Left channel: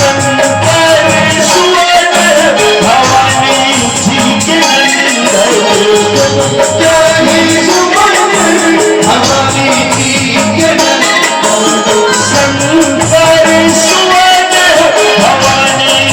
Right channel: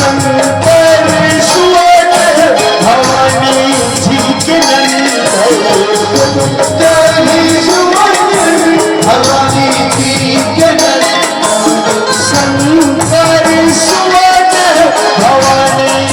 शंकर सुवन Bhavani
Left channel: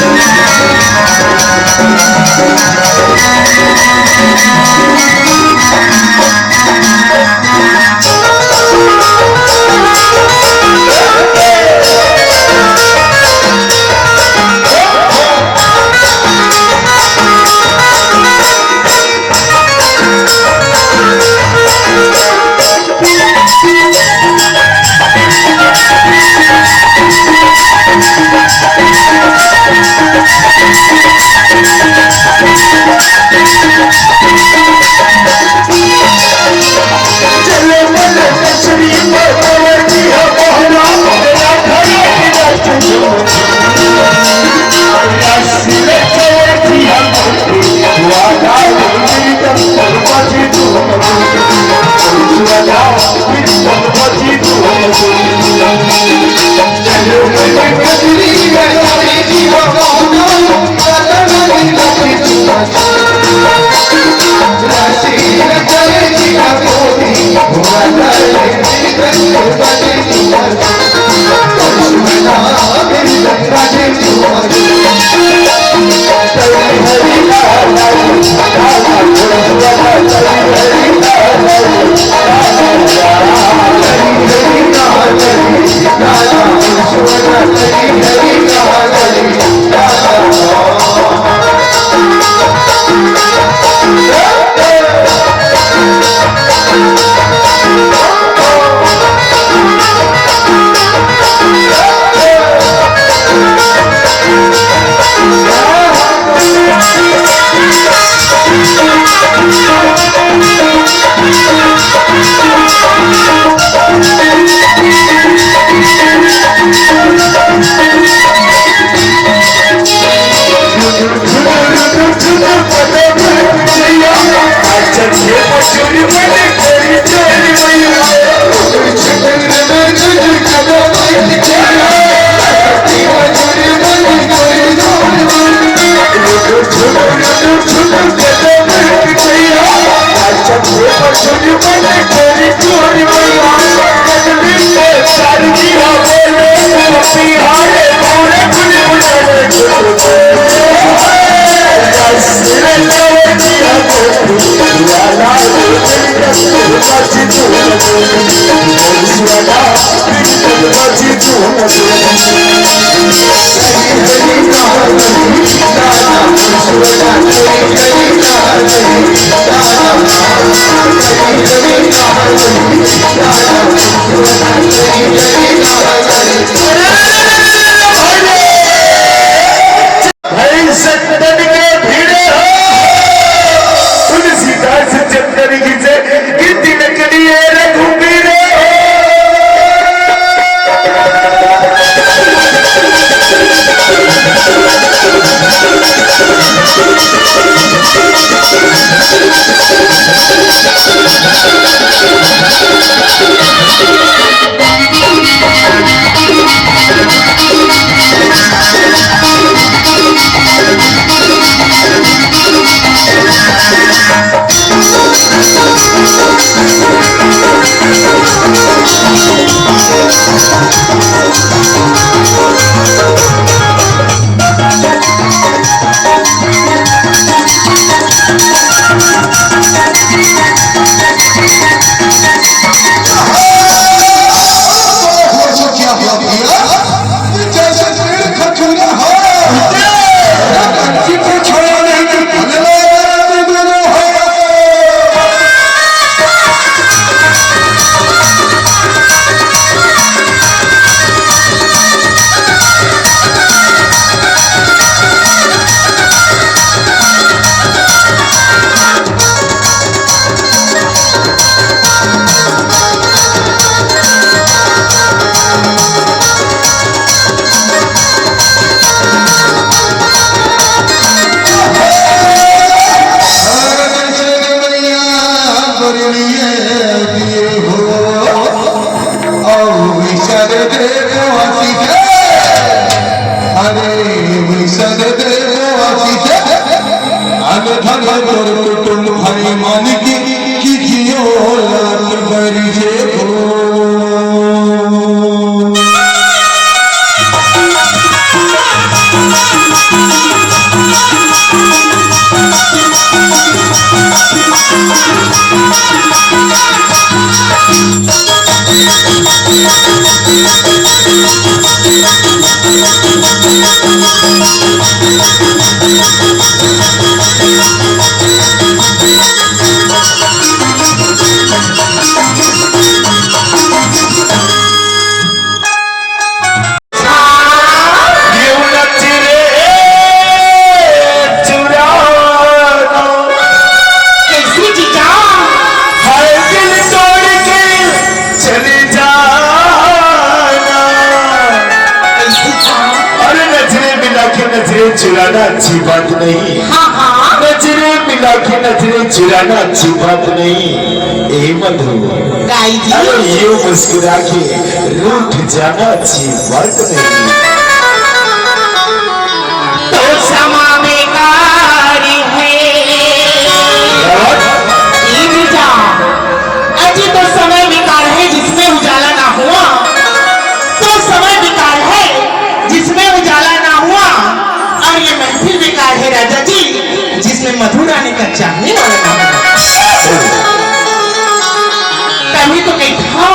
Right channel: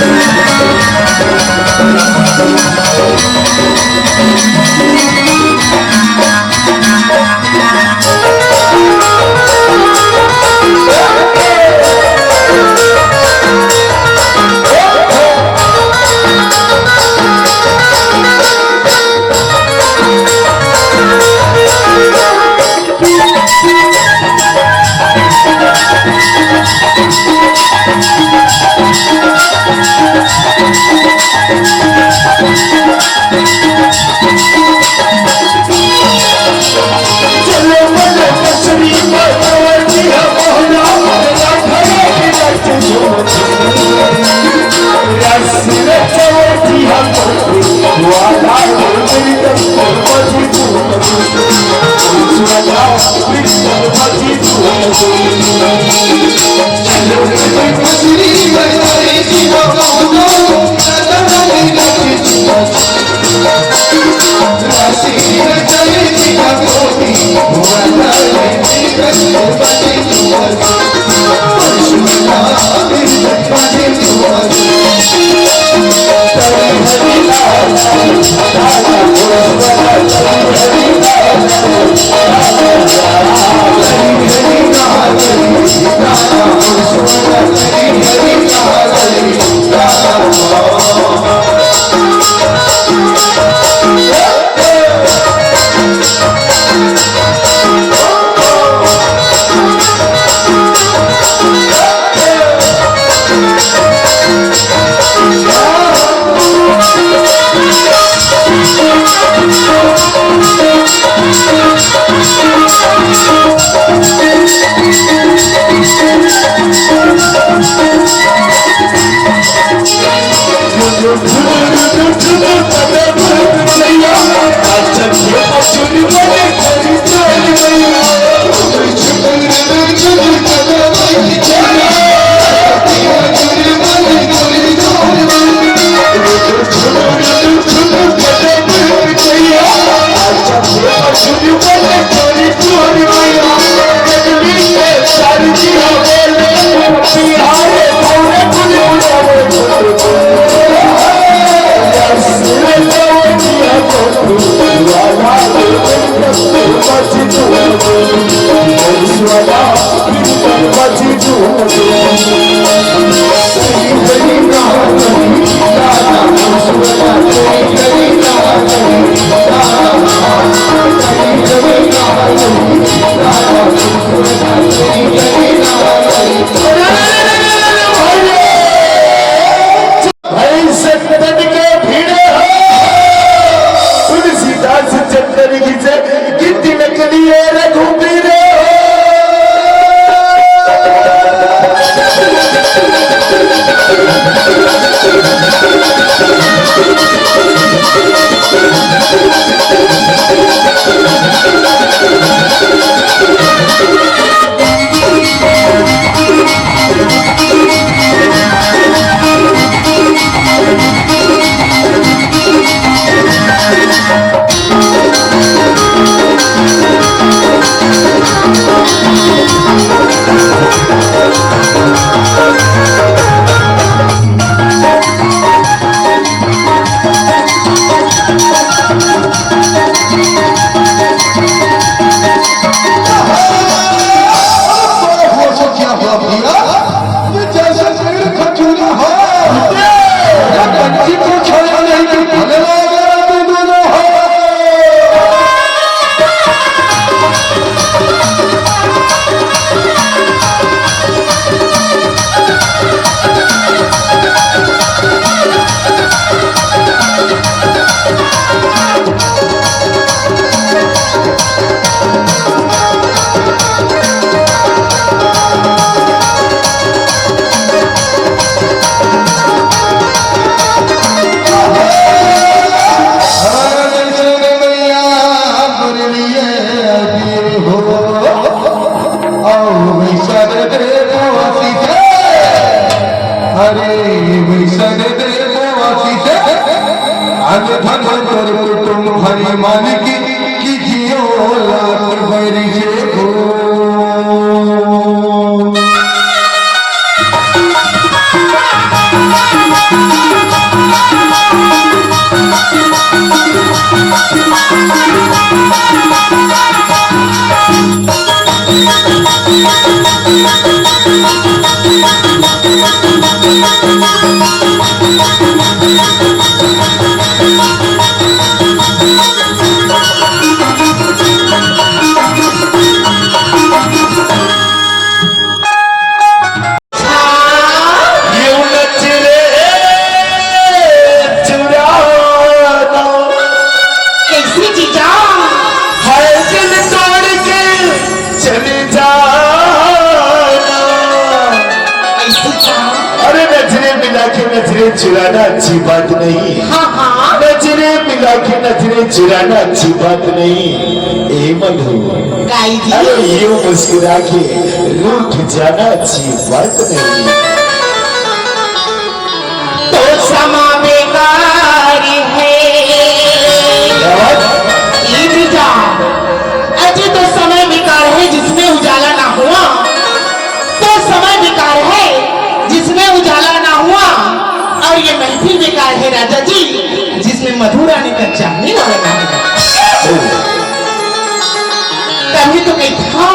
Thank you. चुराना अच्छी बात नहीं। नजरे मिला के नजरे चुराना अच्छी बात नहीं। ए मधु, अरे यूं मुस्कुरा के रूठ जाना अच्छी बात नहीं। तो समा बेकार है अजी, तो समय बेकार है जिसमें उजाला ना हुआ। तो समय बेकार है जिसमें उजाला ना हुआ। और ये महफिल बेकार है राजा जी जिसमें मधुरानी का चाहने वाला ना हुआ। तभी तो कहीं था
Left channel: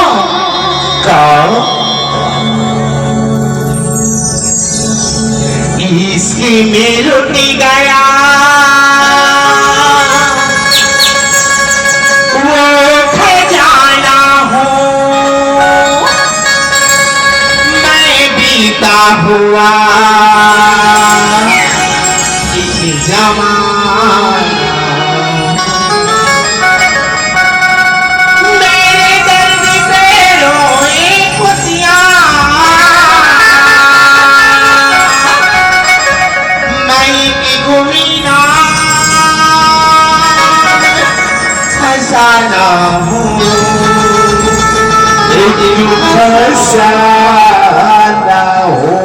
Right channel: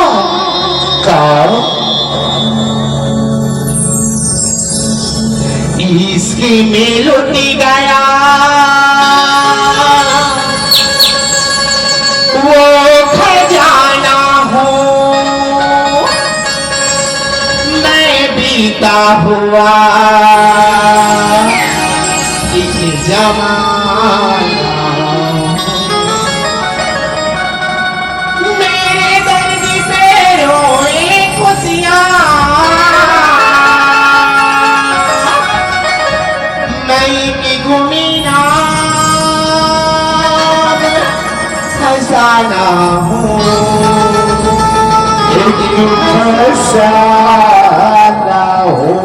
इसकी में लुटी गया वो खजाना हूँ मैं बीता हुआ जमाना। मेरे दर्द पे रोए खुशियाँ मैं की घूमिना खजाना हूँ खजाना हूँ।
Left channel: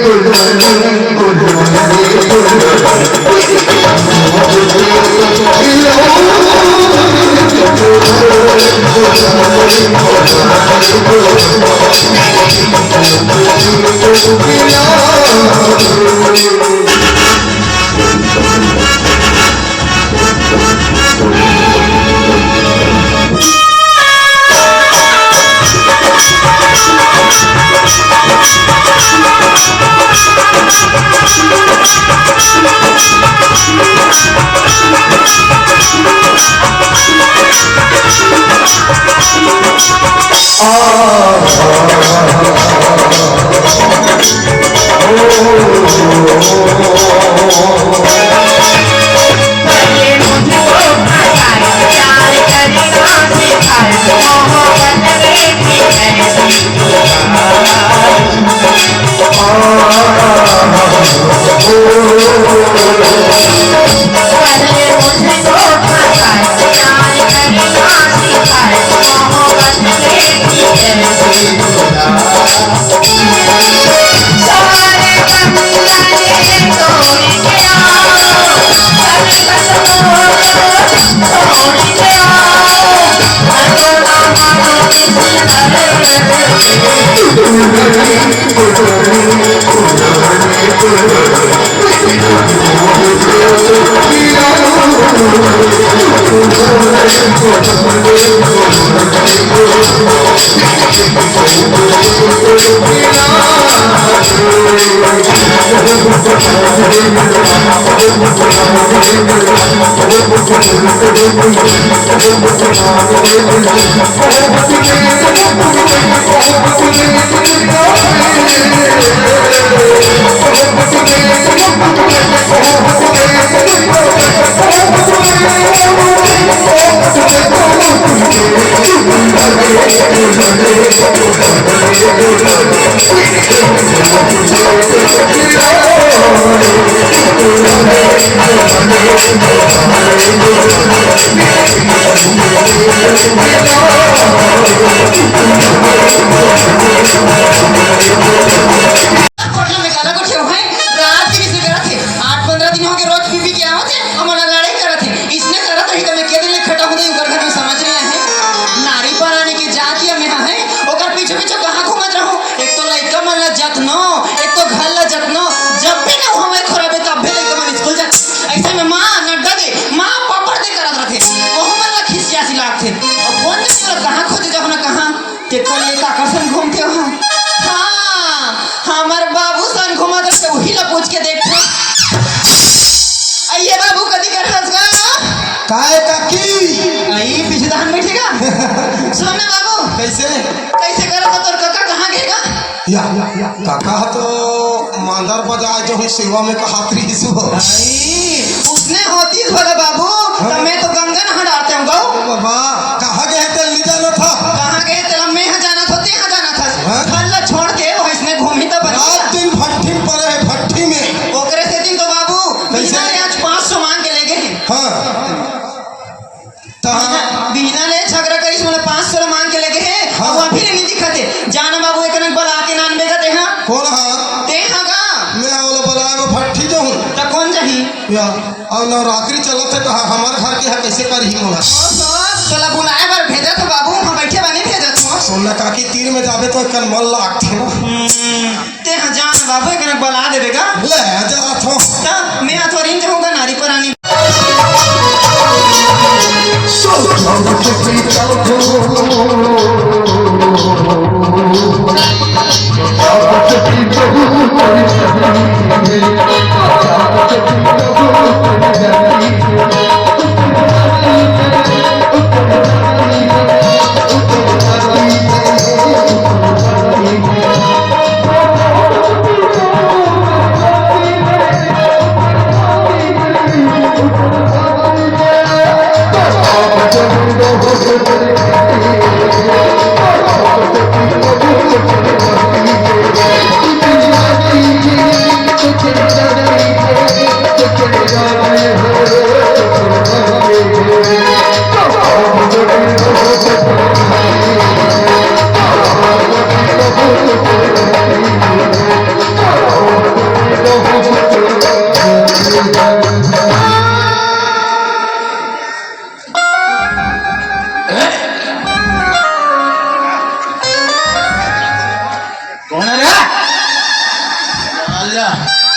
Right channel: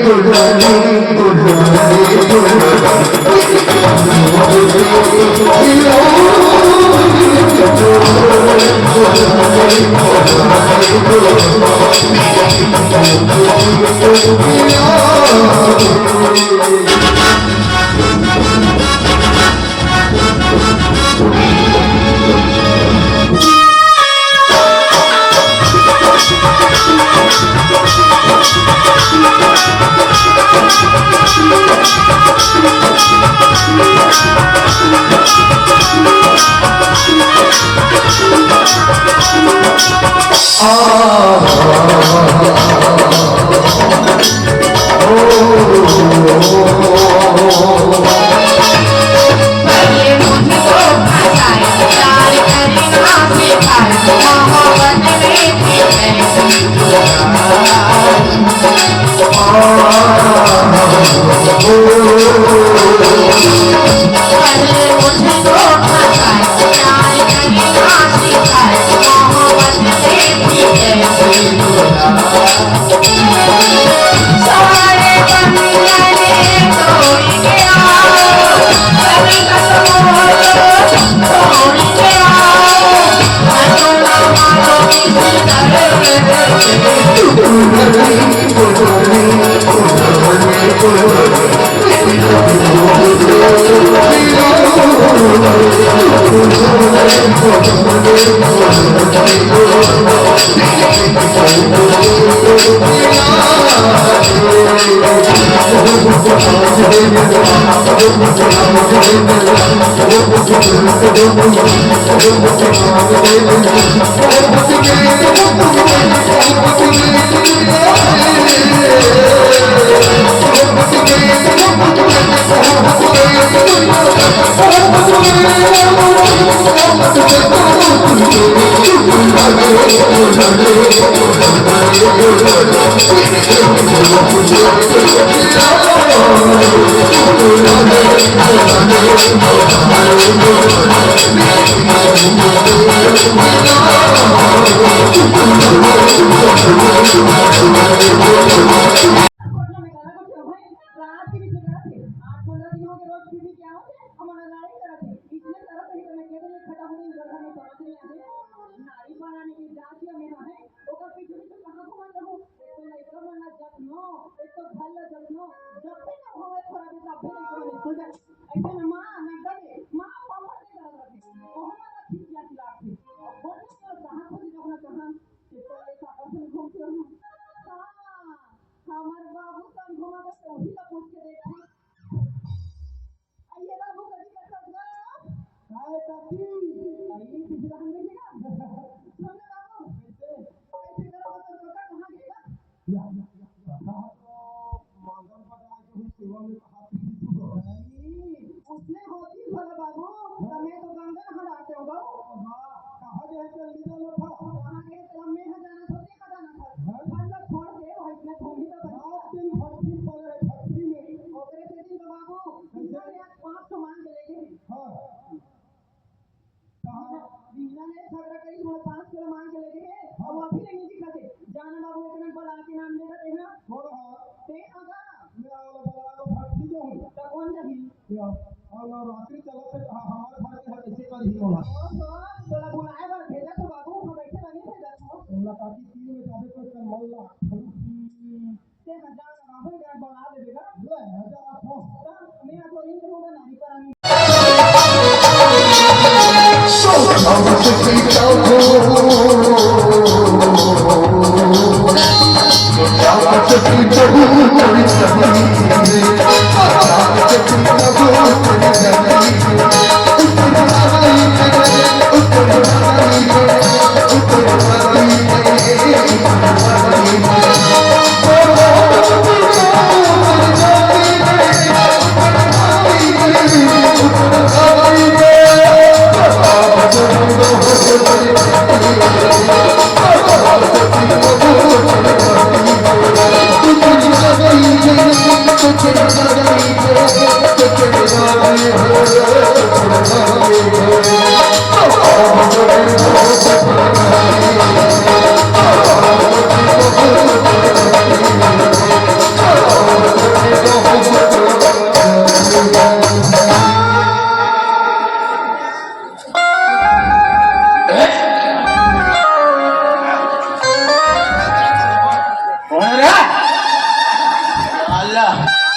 Good morning. काय काकी आई पीछे धान बैठेगा सुन ना बाबू कैसे कैसे करत हो तोर काका कहाँ गएगा या काका तो मांदर बजाए जो है सेवा में कहातरी हिस्सू हो आई उसने होती भला बाबू तब मैं तो गंगा नहा डालते हूँ गौ बाबा कहाँ गए थे ली जाना था कहाँ गए थे मैं यहाँ जाना था यहाँ जाना था खल्ला छोड़ के वो इसने घूमी तो रात दिन भट्टी पर है भट्टी में ओकरे से दिन तो बाबू बिना ले आज 500 मांग के ले गए हाँ बिना ले झगड़ा करी बोले 500 मांग के ले गए हाँ। और अभी नहीं दिखते जाना बाबू एक नंबर बला के नान बेगा ते हां कौन हाँ ते हां का मैं बोला बुलाए वो भट्टी जो हूँ तो कौन जाही या और नवरात्रि चलत है कहा हमारे घर के यहाँ कैसे करी मोला चला बुलाए बार भेजा तो बाबू हम बैठे बने भेजा तो सोना काकी तीर में जाबे तो कल मन लाग थे ना ते हां जान बाबू एक नंबर बला देबेगा ले जा थो तब मैं अथोरिन जाऊंगा नारी पुरानी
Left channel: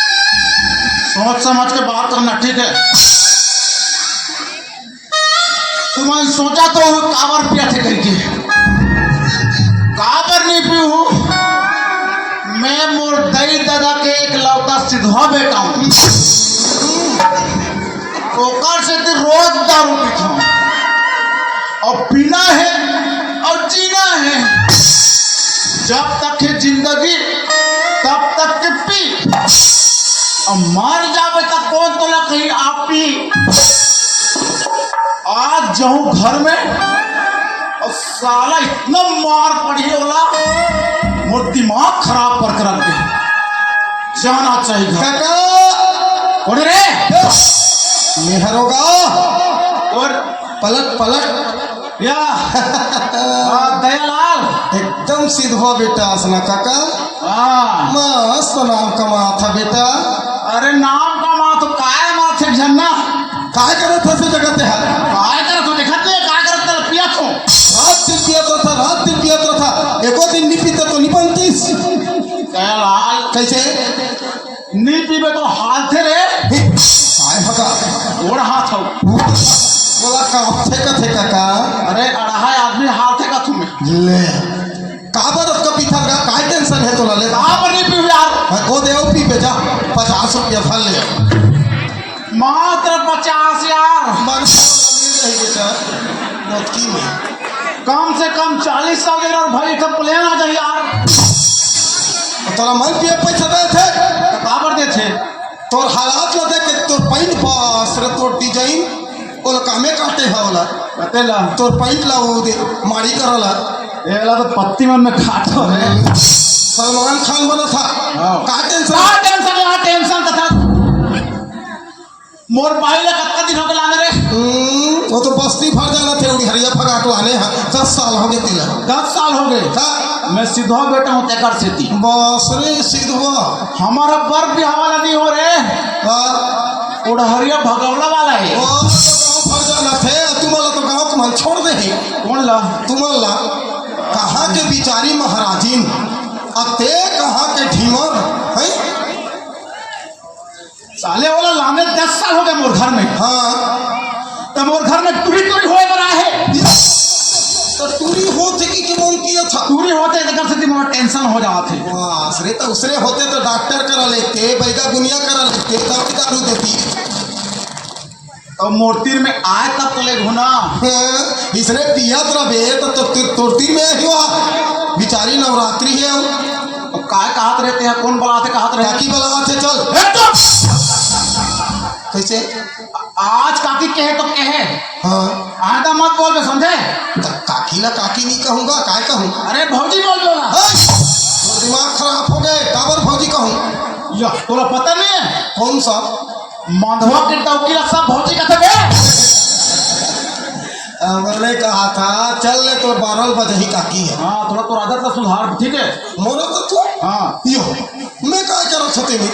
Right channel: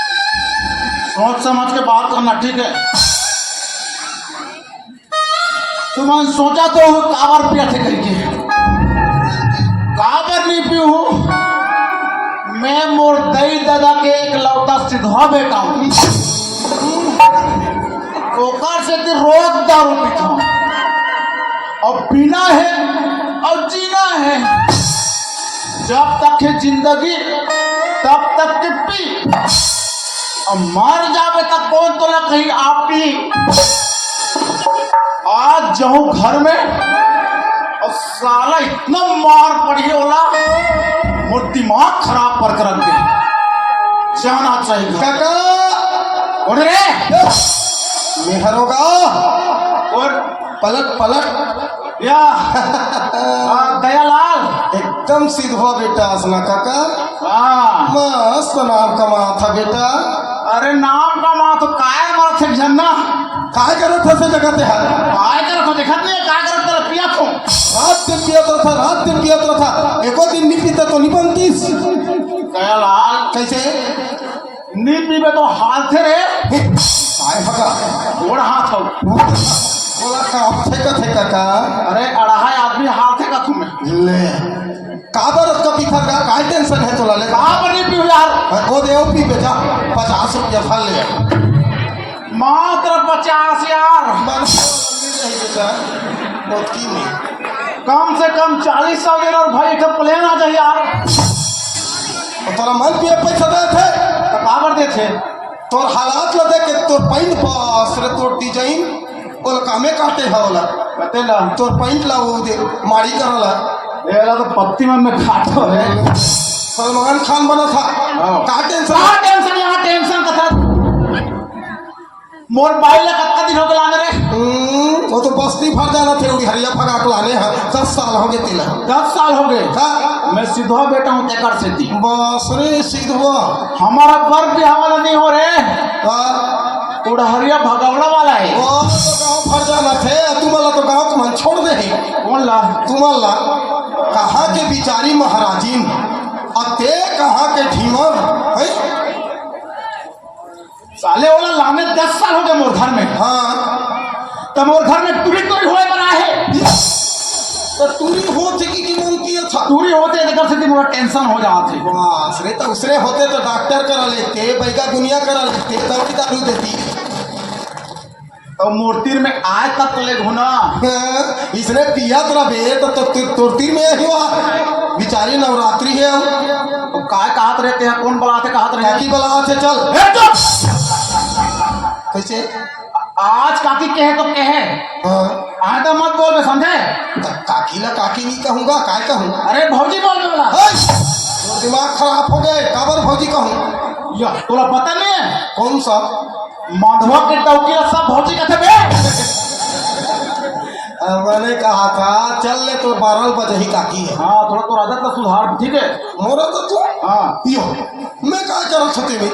सोच समझ के बात करना ठीक है। तुमने सोचा तो वो कावर पिया थे करके कावर नहीं पी हूँ मैं मोर दई दादा के एक लौता सिद्धा बेटा हूँ ओकर से रोज दारू पीता हूँ और पीना है और जीना है जब तक है जिंदगी तब तक के पी और मर जावे तक कौन तो ना कहीं आप पी आज जाऊं घर में और साला इतना मार पड़ी होला मोर दिमाग खराब कर रख दे जाना चाहिए काका उठ रे मेहर होगा और पलट पलट या दयालाल एकदम सीधा बेटा असना काका हाँ मस्त नाम कमा था बेटा अरे नाम का माँ तो काय माँ थे झन्ना काय करे थे से जगह ते हारे काय कर को देखत नहीं काय कर तेरे पिया तो रात दिन पिया तो था रात दिन पिया पियत था एको दिन नहीं पीते तो नहीं बनतीस कयालाल कैसे नी पीबे तो हाथ थे रे आए भगा ओड़ हाथ हो बोला का थे का अरे अढ़ाई आदमी हाथ है का तुम्हें ले का बरस का पीता का टेंशन है तोला ले कहाँ पर नहीं पीऊ यार वो दे पी बेचा 50 रुपया था ले मात्र 50 यार मन मिल रही बेटा मौत की में कम से कम 40 सौ देना और भाई का प्लेन आ जाए यार तो तोरा मन पिए पैसा दे थे तो कहाँ पर दे थे तोर हालात लगे कि तोर पैंट पास रे तोर डिजाइन ओला कामे काटे है ओला बतेला तोर पैंट ला वो दे मारी करला एला तो पत्ती मन में खातो है सलमान खान बना था का टेंशन यहाँ टेंशन का था मोर भाई ला कत्ता दिन हो गया रे वो तो बस्ती भर जाना थे उड़ी हरिया भगा के लाने हैं 10 साल हो गए तिला 10 साल हो गए का मैं सीधा बेटा हूँ तेकर से थी बस रे सीधवा हमारा बर भी हवाला नहीं हो रहे का उड़हरिया भगवड़ा वाला है वो गांव भर जाना थे तुम्हारा तो गांव को मन छोड़ दे कौन ला तुम्हारा कहाँ के बिचारी महाराजीन अब ते कहाँ के ढीमर है साले वाला लाने 10 साल हो गए मोर घर में हाँ तो मोर घर में पूरी पूरी होए बना है तो तूरी होते कि मन किया था पूरी होते तो कर सकती मोरा टेंशन हो रहा थे बस रे तो उसने होते तो डॉक्टर करा लेते बैगा दुनिया करा लेते तब दारू देती तो मूर्ति में आए तब तो ले घुना हाँ, इसने पिया रहे तो तोरती में हुआ बिचारी नवरात्रि है तो काय कहत रहते हैं कौन बुलाते कहत रहे काकी बुलावा थे चल ए, चुप! कैसे आज काकी कहे तो कहे हाँ हाँ तो मत बोल बे समझे काकी ला काकी नहीं कहूँगा काय कहूँ अरे भौजी बोल बोला तो दिमाग खराब हो गए काबर भौजी कहूँ या तोला पता नहीं है कौन सा माधवा के टौकी सब भौजी कहते बे मैंने कहा था चल ले तो 12 बजे ही काकी है हाँ थोड़ा तो आदत का सुधार ठीक है मोरा तो तू हाँ यो मैं काय कर छते में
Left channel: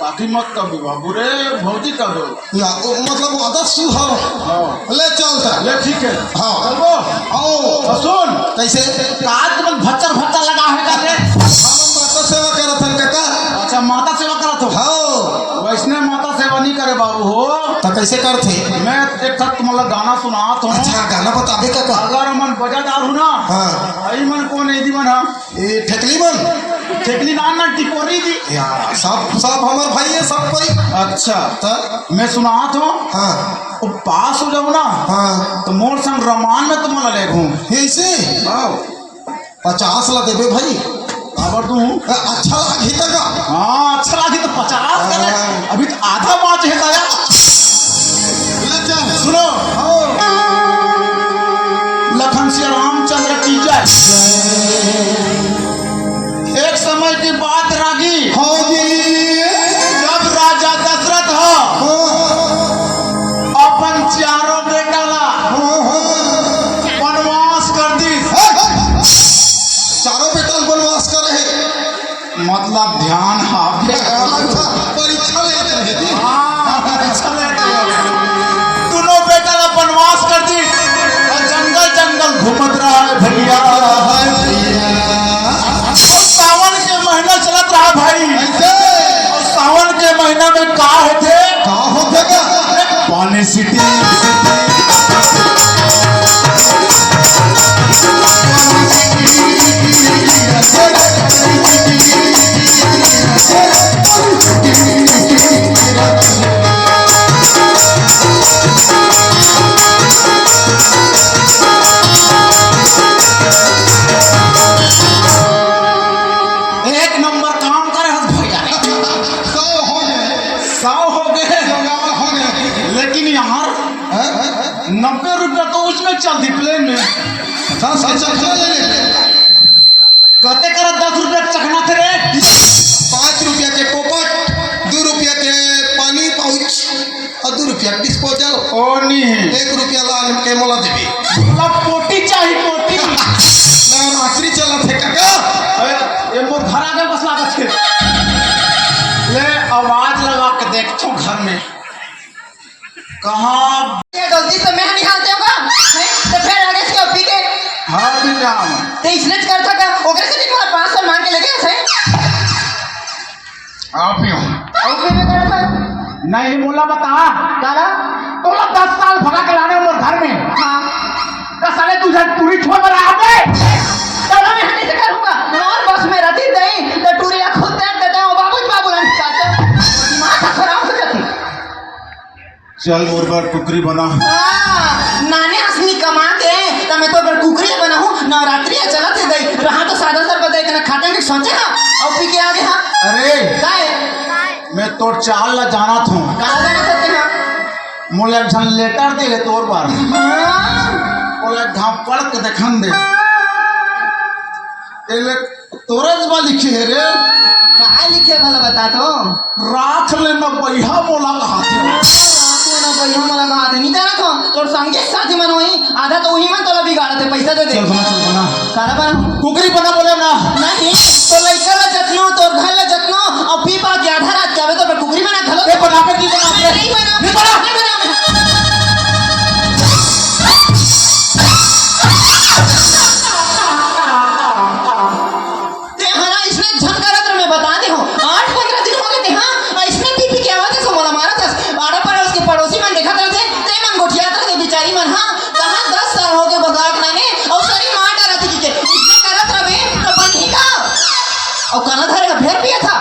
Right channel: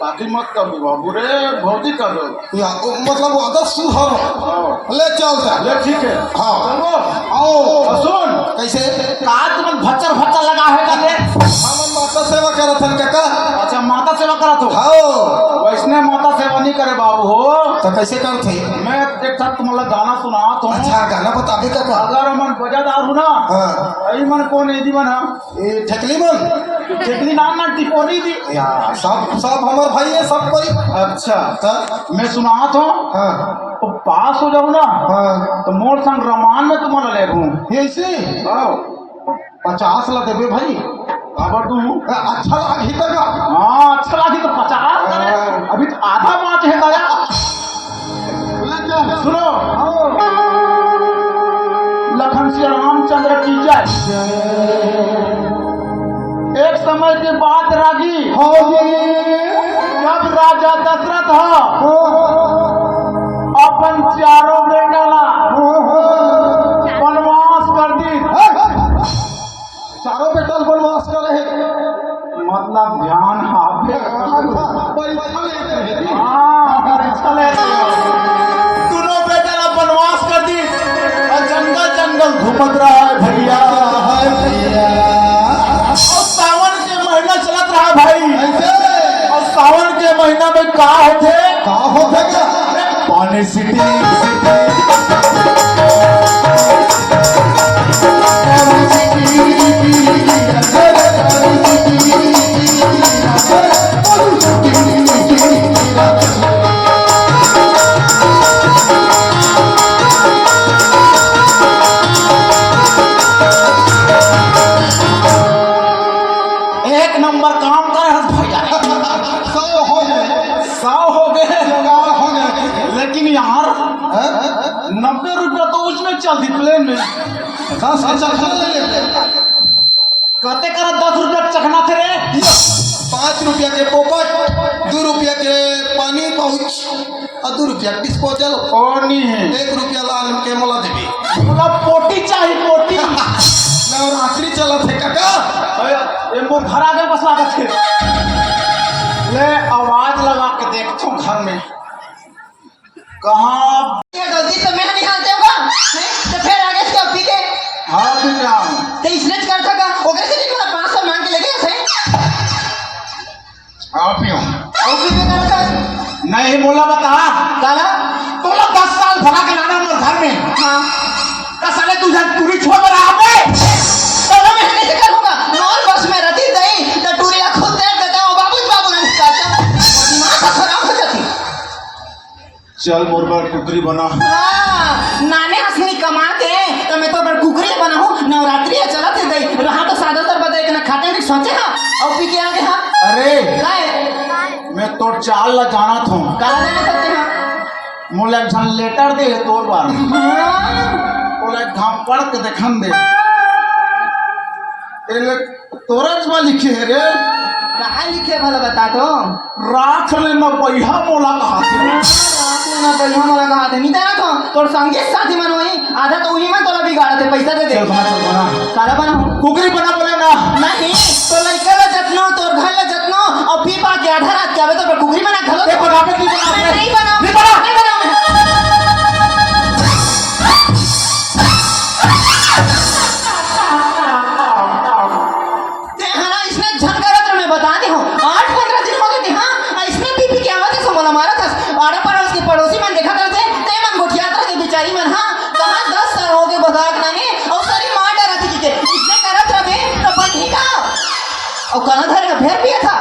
काकी मत कर बाबू रे भौजी कर दो या मतलब वो आदत सुधार हाँ ले चलता ले ठीक है हाँ चलो आओ सुन कैसे काज में भच्चर भच्चर लगा है कर रे हम माता सेवा करत हन काका अच्छा माता सेवा करा तो हाँ वैसने माता सेवा नहीं करे बाबू हो तो कैसे करते मैं एक खत तुम्हारा गाना सुना तुम अच्छा गाना बताबे काका अगर मन बजादार हूँ ना हाँ आई मन कौन है दीवन हाँ ए ठकली मन टेकली नाम ना टिपोरी दी या सब हमार भाई है सब कोई अच्छा तो मैं सुना तो हाँ तो पास हो जाऊँ ना हाँ तो मोर संग रमान में तुम्हारा ले घूम ऐसे 50 ला देबे भाई खबर तू अच्छा लागी तका हाँ अच्छा लगी तो 50 करे हाँ। अभी तो आधा पाँच है दया सुनो लखन श्री रामचंद्र की जय एक समय की बात रागी हाँ जी जब राजा दशरथ हाँ अपन चारों बेटा ला हाँ वनवास कर दी चारों बेटा वनवास कर रहे मतलब ध्यान हाफे अच्छा परीक्षा लेते रहे हाँ परीक्षा ले दोनों बेटा ला वनवास कर दी और जंगल जंगल घूमत रहा है भैया सावन के महीना चलत रहा भाई ऐसे और सावन के महीना में का होते का होता का पानी सिटी एक नंबर काम करे हस भैया सब हो गए 100 हो गए लगार हो गए लेकिन यार 90 रुपया तो उसमें चलती प्लेन में 10 चखना ले ले कहते कर 10 रुपया चखना थे रे 5 रुपया के पोपट 2 रुपया के पानी पाउच और 2 रुपया डिस्पोजल ओ नहीं है 1 रुपया लाल के मोला देबी पूरा पोटी चाहिए पोटी नवरात्रि चला थे काका ये मोर घर आ गए बस लागत थे ले आवाज लगा के देखो घर में कहाँ ये गलती तो मैं नहीं हालते होगा तो फिर आगे से पी के हाँ भी जाऊँ तेईस नहीं बोला बता काला तोला 10 साल फर्क लाने मोर घर में हाँ का साले तुझे टूरी छोड़ रहा है तोला मैं हने से करूंगा नॉन बस में रहती नहीं तो टूरिया खुद देख देते हो बाबू नहीं चाहते दिमाग खराब हो जाती। चल मोर बार टुकरी बना नाने असली कमा के तो मैं तो बड़ कुकरी बना हूँ नवरात्रि चला थे दे रहा तो सादा सर बताए कि ना खाते में सोचे ना और पी के आगे हाँ अरे काय मैं तो चाल ला जाना था काला देने करते हाँ मोला झन लेटर दे तोर बार मोला धाम पढ़ के देखन दे एले तोरज में लिखे है रे काय लिखे भला बता तो राख ले न बैहा मोला हाथी ना बढ़िया मला कहा था नीता रखो तोर संगे साथी मन वही आधा तो वही में तोला बिगाड़ते पैसा दे दे चल बना काला बना कुकरी बना बोले ना नहीं तो लइका ला जतनो तोर घर ला जतनो और पी पा के आधा रात जावे तो कुकरी में ना खलो ए बना पे नहीं बना नहीं बना ते हरा इसने झंकारा तो मैं बता दे हूं 8-15 दिन हो गए थे हां इसने पीपी के आवाज से मोला मारा था आड़ा पर उसकी पड़ोसी मन देखा था ते मन गुठिया था बेचारी मन हां कहां 10 साल हो गए बगाक नाने और सारी मार डरा थी कि इसने करत रहे तो बनी का और कहां धरे फेर पिया था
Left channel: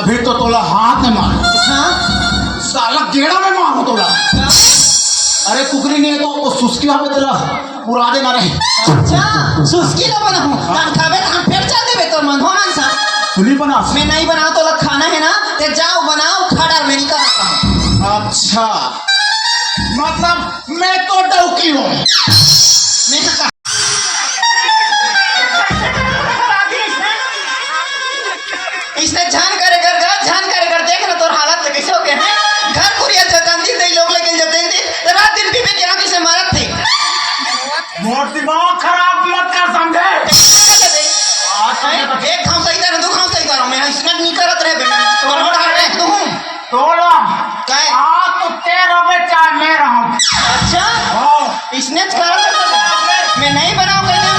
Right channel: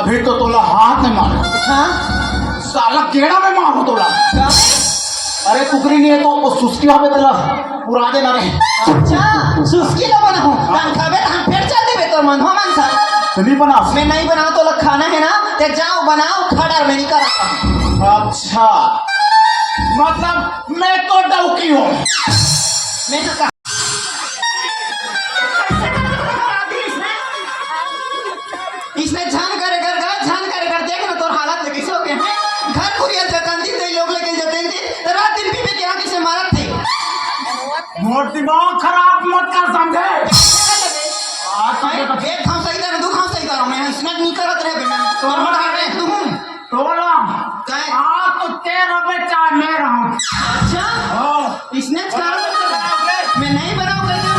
अभी तो तोला हाथ में मार हां साला गेड़ा में मारो तोला का अरे कुकरी नहीं है तो वो सुस्की हमें तेरा उड़ा देना रे अच्छा सुस्की लो बना हूं हम खावे हम फिर चल देबे तो मन हो मन सा नहीं बना मैं नहीं बनाओ तो लोग खाना है ना ते जाओ बनाओ खड़ा मैं नहीं करता अच्छा मतलब मैं तो डौकी हूँ मैं कहा इसने झान करे कर देख ना तोर हालत लगे कैसे हो गए हैं घर कुरिया जतांदी दे लोग लेके जतेंदी रात दिन भी में क्या किसे मारत थे मोर दिमाग खराब मत कर समझे एक खाओ सही तरह दो खाओ सही तरह मैं इसने नहीं करत रहे मैं तो मोड़ हार रहे तू हूं तोड़ा काय तो तेरा बेटा मैं रहूं अच्छा इसने कर मैं नहीं बनाऊं कहते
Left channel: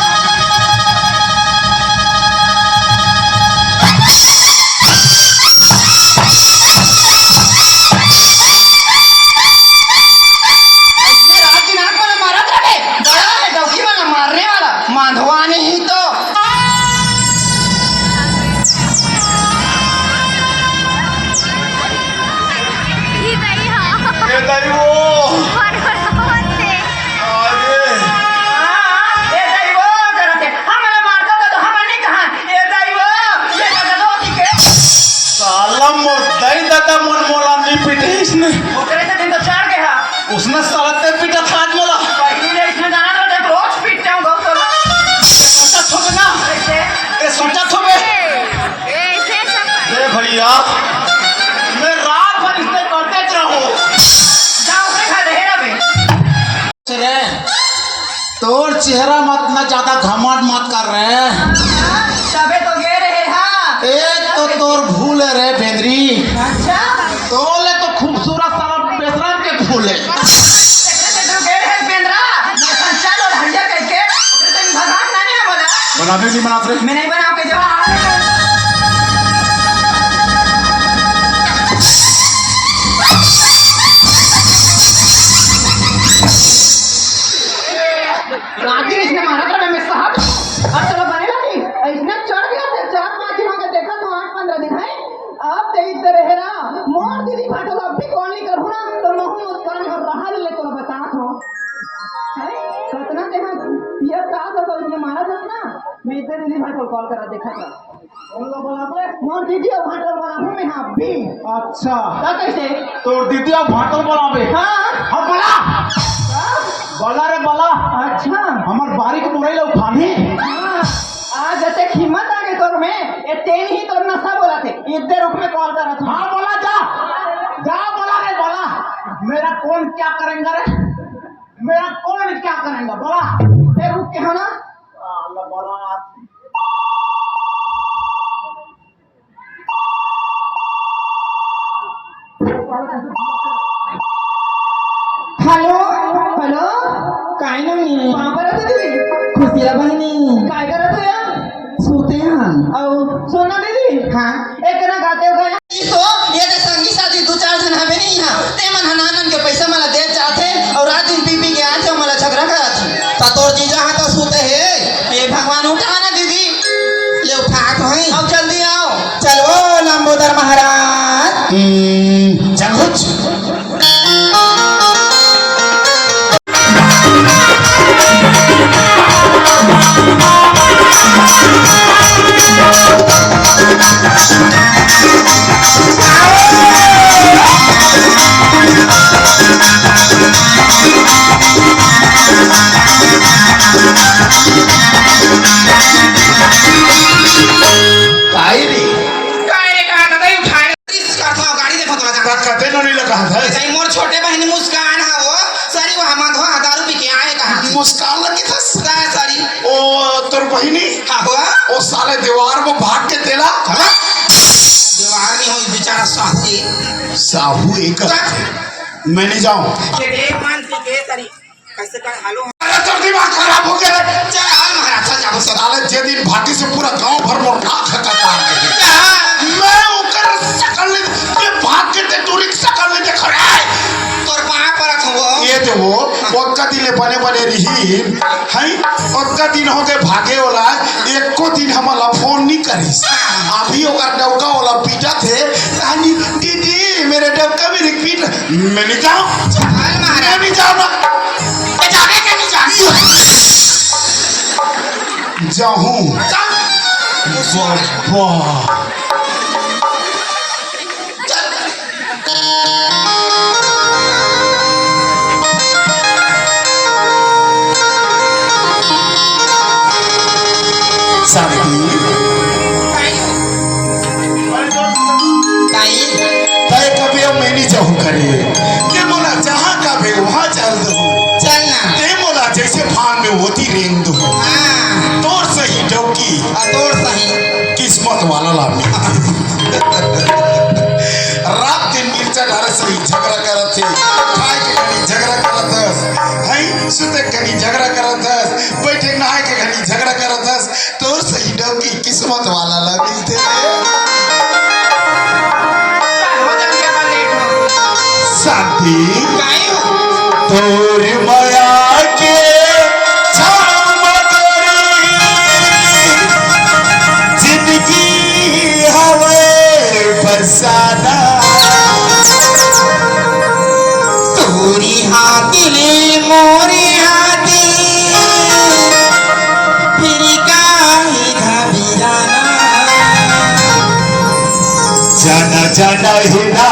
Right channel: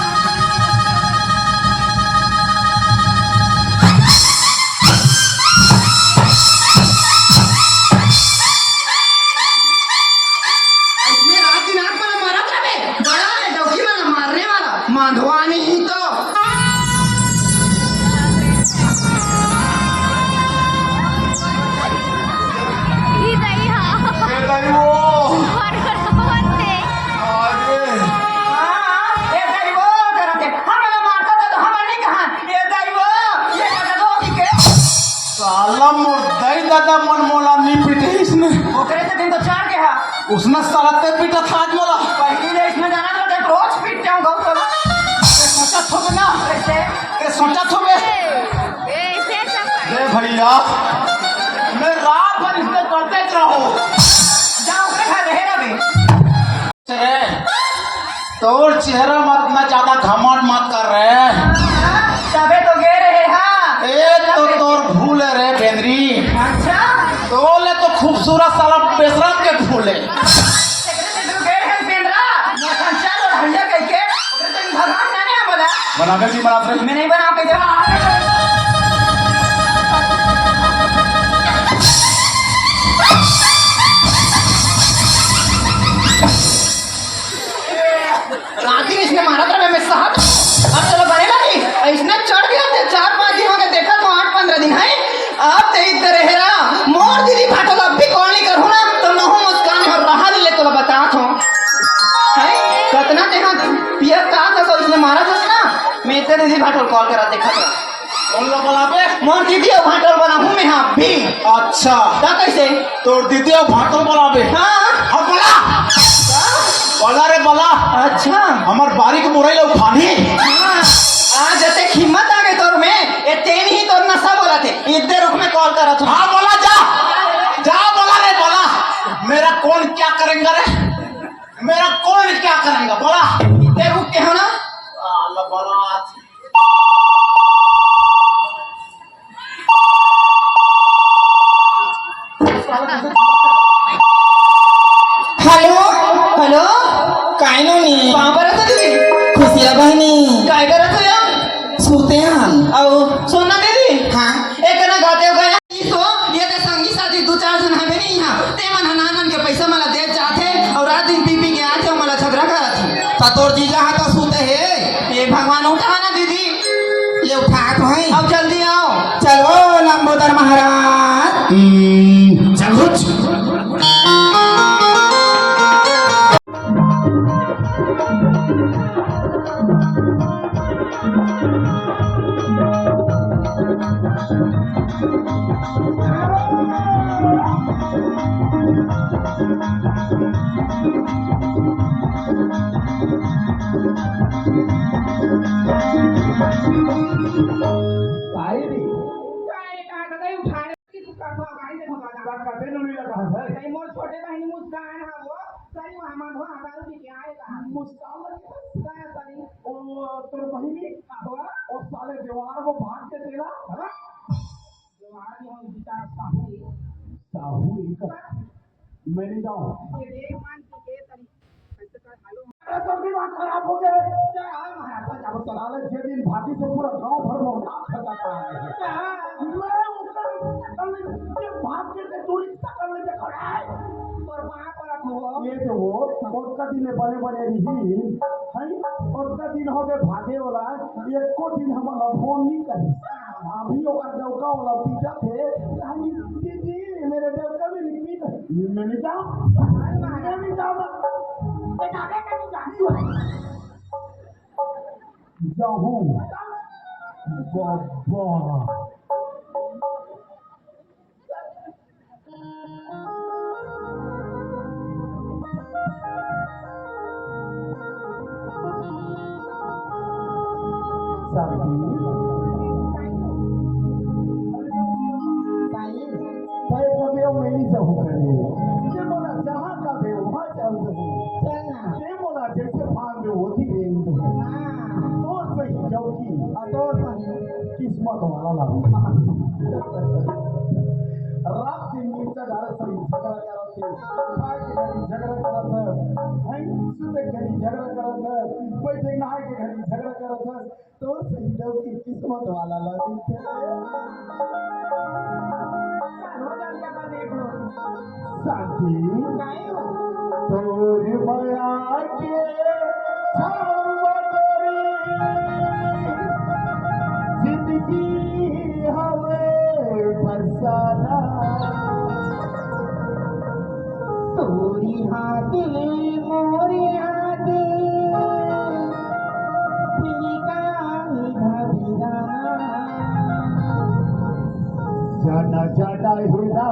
माधवानी ही तो दादा मन मोला नहीं पीटे इसने ओकरे से दिन तो चार के हा उसने साला ते पीटा था आज मोला पहली ने इसमें जाना तो जब रोज पीटते हूं बहुत तो सच्चा थोबे ना ऐसे ए सच्चा थोबे ए भैया मैं रात भर इसने करते रहो जाओ के खा रहेगा बे चले तोर चेहरा मत ना ज्यादा घमंड मत कर रहे तबे तो गे रहे हां एक तो तोर भूल है रे बेंद्री अच्छा तोले तो खूबसूरत साला बेशरम के फूल है बनाने की बात रे मैं नहीं बना के राती इसने मारा था मैं साहब अब चलो बने लगी इसने चढ़ गया थे 4-5 दिन हो गए देखा तो 8-15 दिन है अब ते इधर रहेरा मोर दीदी फाटो अब भी कॉल नहीं करूं ना तो महू मुस्कान और रहा ले तो बता तो है कितना ते हां पियर का था तो इसने मारा था ना मैं इधर दीदी फाटो कॉल करा देखा था कौन ला बनाबे मोर दीदी और फाटो बना हूं मैं हां भी अच्छा ता कैसे तोर दीदी अब भाटल बनाबे हां हम बला बला रे बला अच्छा हमार बारीक मुरई लो खानी हाँ, आज जैसे हिम्मत आ गई तोर में ये तेन ही तोर नशा बोला थे इधर रुक में कॉल करा तू हाँ बोला जा बोला रे बोला मेरा कौन क्या करेंगे रे मेरा कौन क्या करेंगे बोला इधर रुक के हो ना अल्लाह बोला हेलो हेलो काय नाही कहाँ पर रहते दीदी खुशिया बहिणी काय करत हो या सुते हम और सोना दीदी हाँ एक ना गाते हो गया तो ये तो संगी साथी तू जमींदार महाराज जागोच काय रे काय रे कहा दादा उठाने किस करता हो गाड़ी देखो तो कते नहीं लगा था जाई मोर छोटे बहन मुस्कान हा हो सारी वहां मां धो दारू पी के आए कहा मुस्कान लगी था काय सारी ओ तोर बहिनी हा हुआ ओ साले दीवार में भाग के तेला दीवार नहीं हो बेचारा साहू साहू एक मैं नहीं जाऊं के देख मान पी के सारी कैसे कर हालो अरे तो दिमाग खराब हो गया रे चल हाल महाराज चल जाओ साले जे दिन भागी से पूरा गांव भर मोर नाक खटका मैं ओकर शकल ये भाग के ते तू रिक्शा ले देख रे तोर पाए परत हो ये तो वो ओक्का दिले बने बने रही है ओक्का दिन हो गए भागे वाला एक को दिन हमला फोन नहीं करिस अभी ओकर डौका वाला पीटा थे कहानी दीदी मेरे डौका मेरे पीट मैं नहीं जाऊं चल महाराज मैं नहीं जाऊंगा जाने के नहीं जाने जाऊं बाबा शांति ताई तय कभी अब मैं नहीं जाऊं करे के मोला जहां का भी वहां चल दो चल ना ते मोला जैसे फान में होती रेंग दो हां तोर सही डौकी तोड़ सही किस्मत वाला लामी रात दिन मिर्चा डारे सही झगड़ा करत थे खाए के घनी झगड़ा करत हस हई सुते के घनी झगड़ा करत हस बैठे नहाए के घनी झगड़ा करत हस तोर सही डौकी किस्मत वाला लामी थे हो जा के बाद लेट हो शांति काई हो तोर माया के छाव मगरी जिंदगी हवे फसाना तोरी हाथिले मोरे हाथी फिर काहे घबराना जाना जाना हिना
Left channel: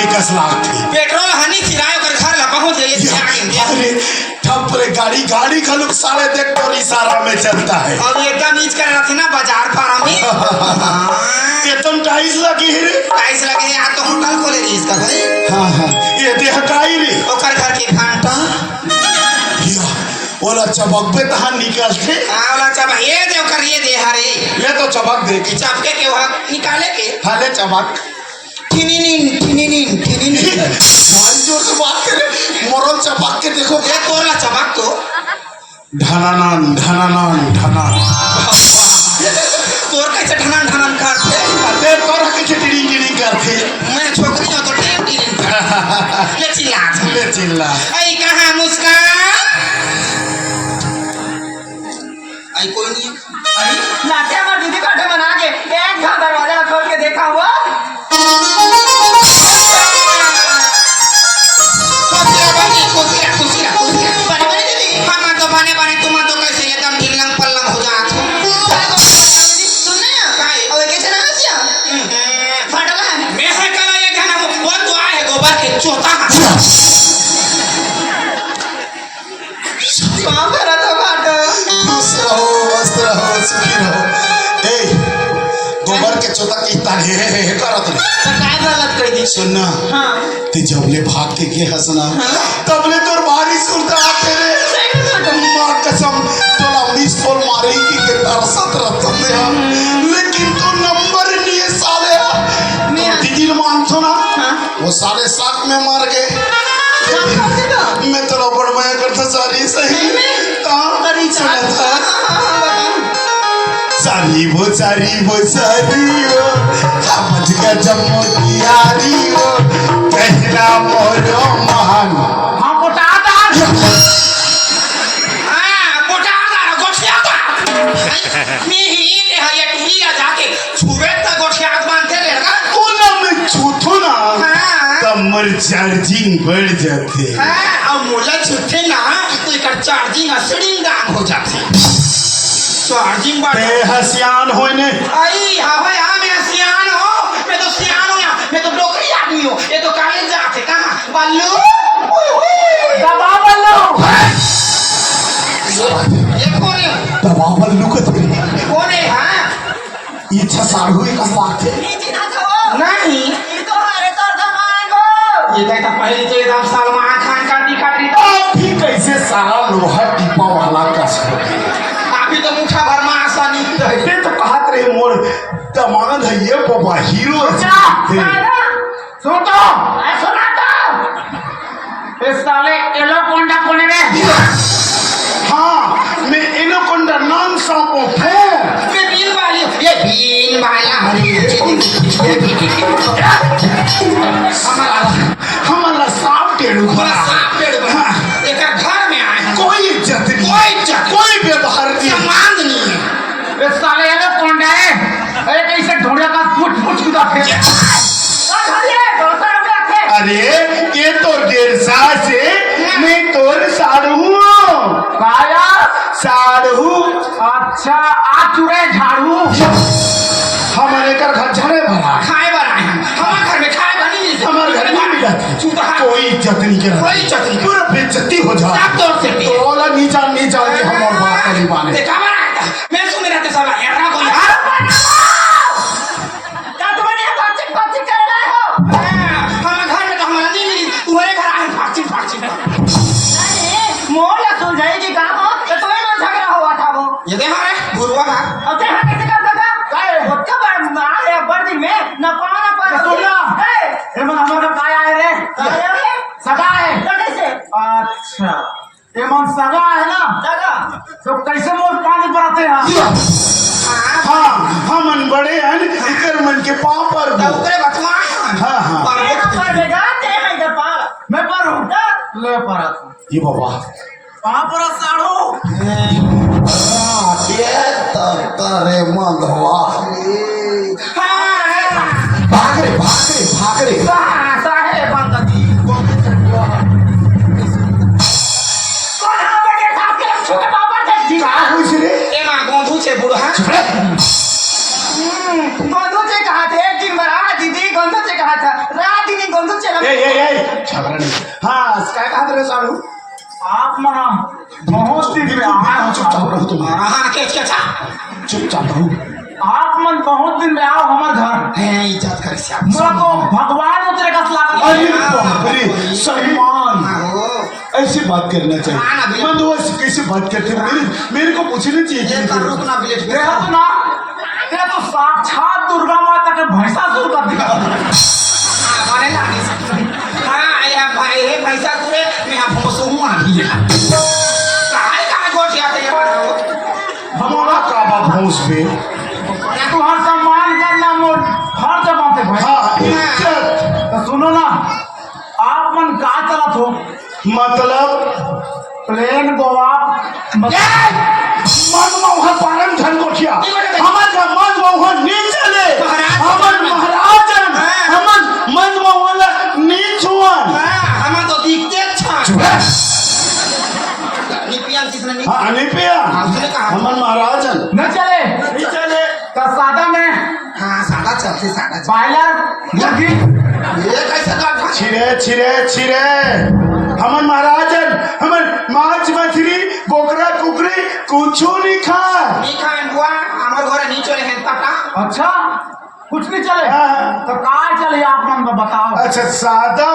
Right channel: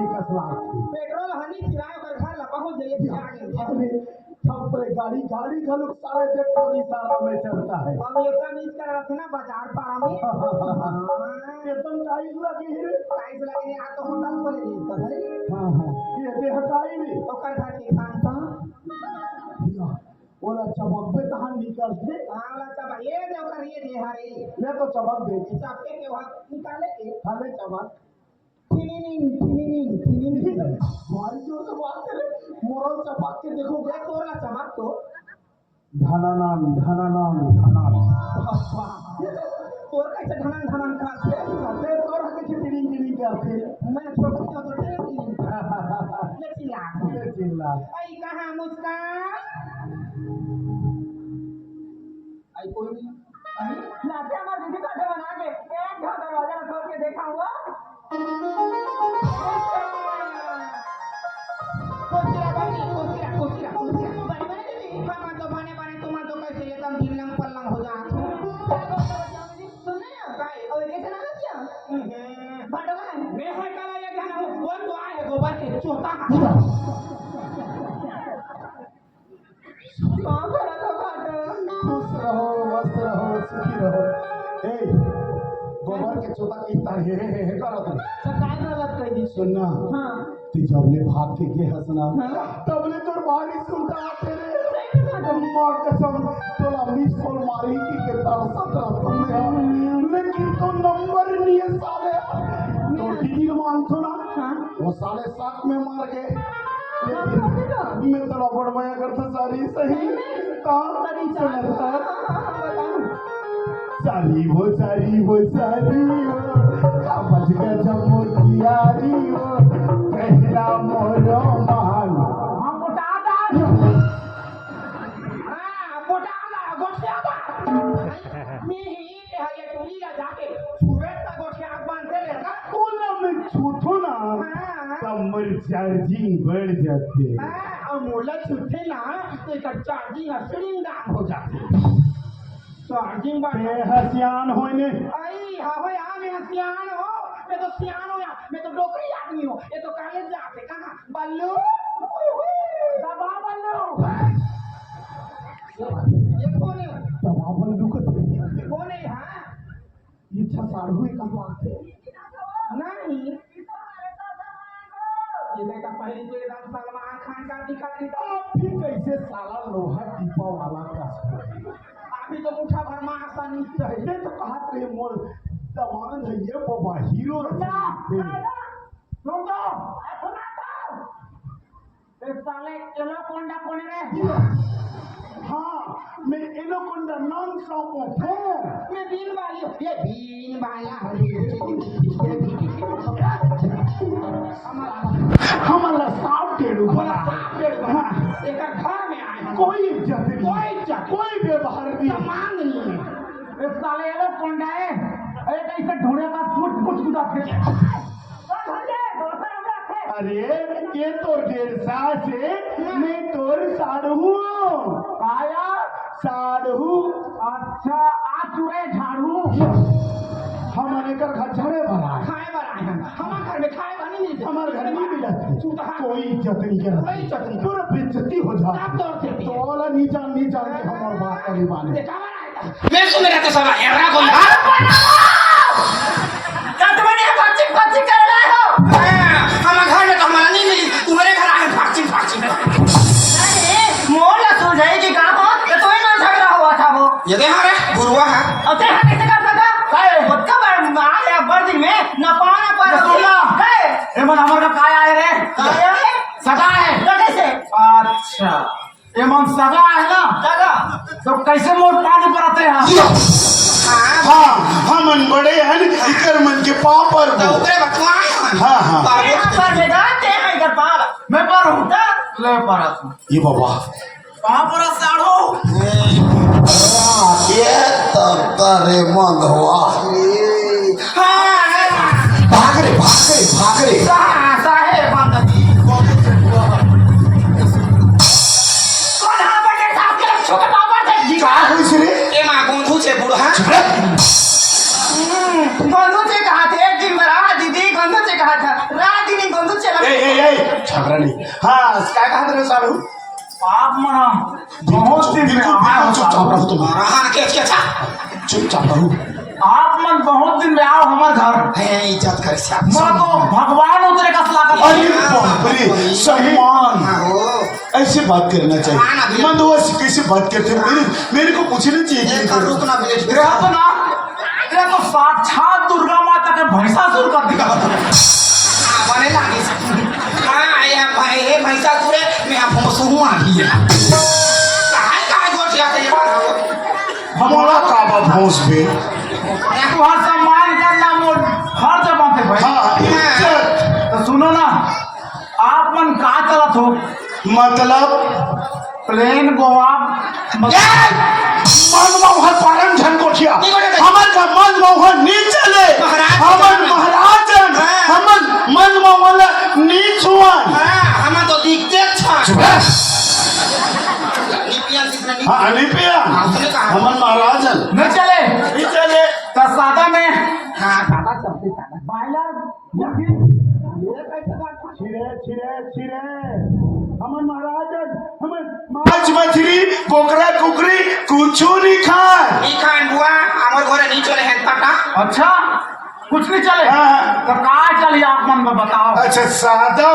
पेट्रोल हनी चिराय कर घर ला पहुंच जाइए अरे ठपरे गाड़ी गाड़ी का लोग साले देख तो इशारा में चलता है अब एकदम ईच कर रखे ना बाजार पारा में एकदम टाइल्स लगी है रे टाइल्स लगे हैं आ तो होटल खोले रही इसका भाई हाँ हाँ ये देह काई रे ओकर घर के घंटा या ओला चबक पे तहां निकलते आवला चबा ये दे ओकर ये दे हरे ले तो चबक देख चपके के वहां निकाले के हाले चबक ठिनिनिन भारी जोर से बात करे मोरल चबक के देखो ये तोरला चबक तो धनानन धनानन धना तोर कैसे ढनन ढनन करते अरे तोरा के टिडिंग टिडिंग करते मैं छोकरी हो तो टेम टिरिन ले चिल्ला ले चिल्ला आई कहां मुस्कान आई कोई नहीं आई लाते हमार दीदी बैठे बना के एक घा दरवाजा खोल के देखा हुआ खुशिया बने बने दीदी हम तो बने तुम तो कैसे एकदम ढिलंग पल्लंग हो जात हो चौथा कहाँ करा था बाटो खुश रहो मस्त रहो सुखी रहो ए गोबर के चोता की तारीख है करत रे क्या गलत कर दी सुनना हाँ ते जबले भाग के गे हसना तबले तोर भारी सुनता आते रे मां कसम तोला 19 बोल मारे की के तरसत रतन दे लेकिन तू नंबर लिए साले तो दीदी मानतो ना वो साले साथ में मार गए मैं तो बड़ माया करता सारी सही ता करी सुना था सारी वो समझ का जम्मो की यारी वो पहला मोरो महान हाँ मोटादार गोठियादार मी ही ले है टूरी जाके छुबे तक गोठियाद बांधते ले लगा कोला में छूथो ना तमर चार्जिंग बढ़ जाते हाँ अब मोला छुट्टे ना तो एक चार्जिंग असड़ी गांग हो जाती चार्जिंग ते बात हसियान होने आई हाँ भाई हाँ मैं सियान हो मैं तो सियान हूँ या मैं तो डोकरी आदमी हूँ ये तो कॉलेज जाते कहाँ बल्लू दबा बल्लू ये कौन है दबावल लुकत कौन है हाँ इच्छा साढ़ू का बात है नहीं ये कहता पहले तो एकदम सलमान खान का दिखा रही था अभी कैसे सारा लोहा टीपा वाला कस हो अभी तो मुठा भर में आसानी ये तो कहत रहे मोर दमाद है ये बाबा हीरो है सुनो सुना तो इस साले एलोकोंडा कोने रे हाँ मैं एलोकोंडा नाम सांपो फो ये बीन वाली ये बीन वाला हमारा सांप टेढ़ू बड़ा सांप पेड़ एक घर में आए हैं कोई इज्जत नहीं कोई व्यवहार नहीं सम्मान नहीं है इस साले एलोकोंडा है अरे कैसे ढूंढे का फुट कुदा फेंके अरे ये तो 1.5 साल से मैं तोर साढ़ू काया साढ़ू अच्छा आ चुरे झाड़ू हमारे घर झड़े भरा खाए बना है हमारे घर में खाए बनी नहीं हमारे घर में मिला चूता कोई इज्जत नहीं कर कोई इज्जत नहीं पूरा बेइज्जती हो जा सब तौर से तो वाला नीचा नीचा के हम और बात नहीं माने देखा बना मैं सुन रहा था साला एरा को क्या तुम्हें ये बातचीत कर रहे हो हमारे घर में तो हमारा नहीं मिली तुम्हारे घर आए बातचीत में मोल सुलझाएगी कहाँ को तो तुम्हें ना झगड़ा हुआ था वो ये देखा रे गुरुआ है और देखा कैसे कर सका काय होता आए बर दिन में न पाना पर सुना ए मन हमर का काय आए रे काय है सगा है तो कैसे अच्छा ये मन सगा है ना सगा तो कैसे मोर पानी पर आते हैं हाँ हमन बड़े हैं इकर मन के पाँव पर तो उतरे बतवाए हाँ हाँ पर बेगाते हैं इधर पार मैं पर हूँ ले पर ये बाबा वहां पर साढ़ो ये तारे मन हुआ भाग रे साहे बंदी कौन हां बजे साहब के छोटे बाबा थे जी क्या हुई से रे ए मां गोंधू छे बुढ़ा गोंधू से कहा थे एक दिन मरा दीदी गोंधू से कहा था रात दीदी गोंधू चला ए छबरा नहीं हाँ काय कहा रे साढ़ू आप मना बहुत दिन में आए हो चुपचाप रहो तुम हां के था चुपचाप रहो आप मन बहुत दिन में आओ हमारे घर है इज्जत कर से मैं तो भगवान उतरे का सलाह अरे बाप रे सलमान ऐसे बात करना चाहिए मैं दोस्त कैसे बात करते हो मेरे को पूछना चाहिए रुकना बिलेट तेरा तो ना तेरा तो साक्षात दुर्गा माता के भैंसासुर का दिखा माने लानी हां आया भाई रे भैंसासुर मैं आप भोसुआ नहीं है कहां गोठिया के ये बनाओ हमारा काबा भोंस पे तू हर सम्मान करना मोर हर जगह पे भाई हाँ इज्जत तो सुनो ना आप मन का चलत हो मतलब प्लेन गोवा मनमोहन परम धन कोठिया हमन का मनमोहन नीच चले हमन महाराजन हमन मनमोहन नीच हुआ हम तो दिखते अच्छा अनिपिया हमन महाराजन नहीं चले तो सादा में हाँ सादा चलते सादा बायलर मुर्गी ये कैसे का छिरे छिरे छिरे हमन महाराजन हमन माछ मछली बोकरा कुकरी कुछ नहीं खा नहीं खान बुआ हमारे घर नहीं चले हैं तका अच्छा कुछ नहीं चले हाँ। तो कहाँ चले आप मन को बताओ। अच्छा सादा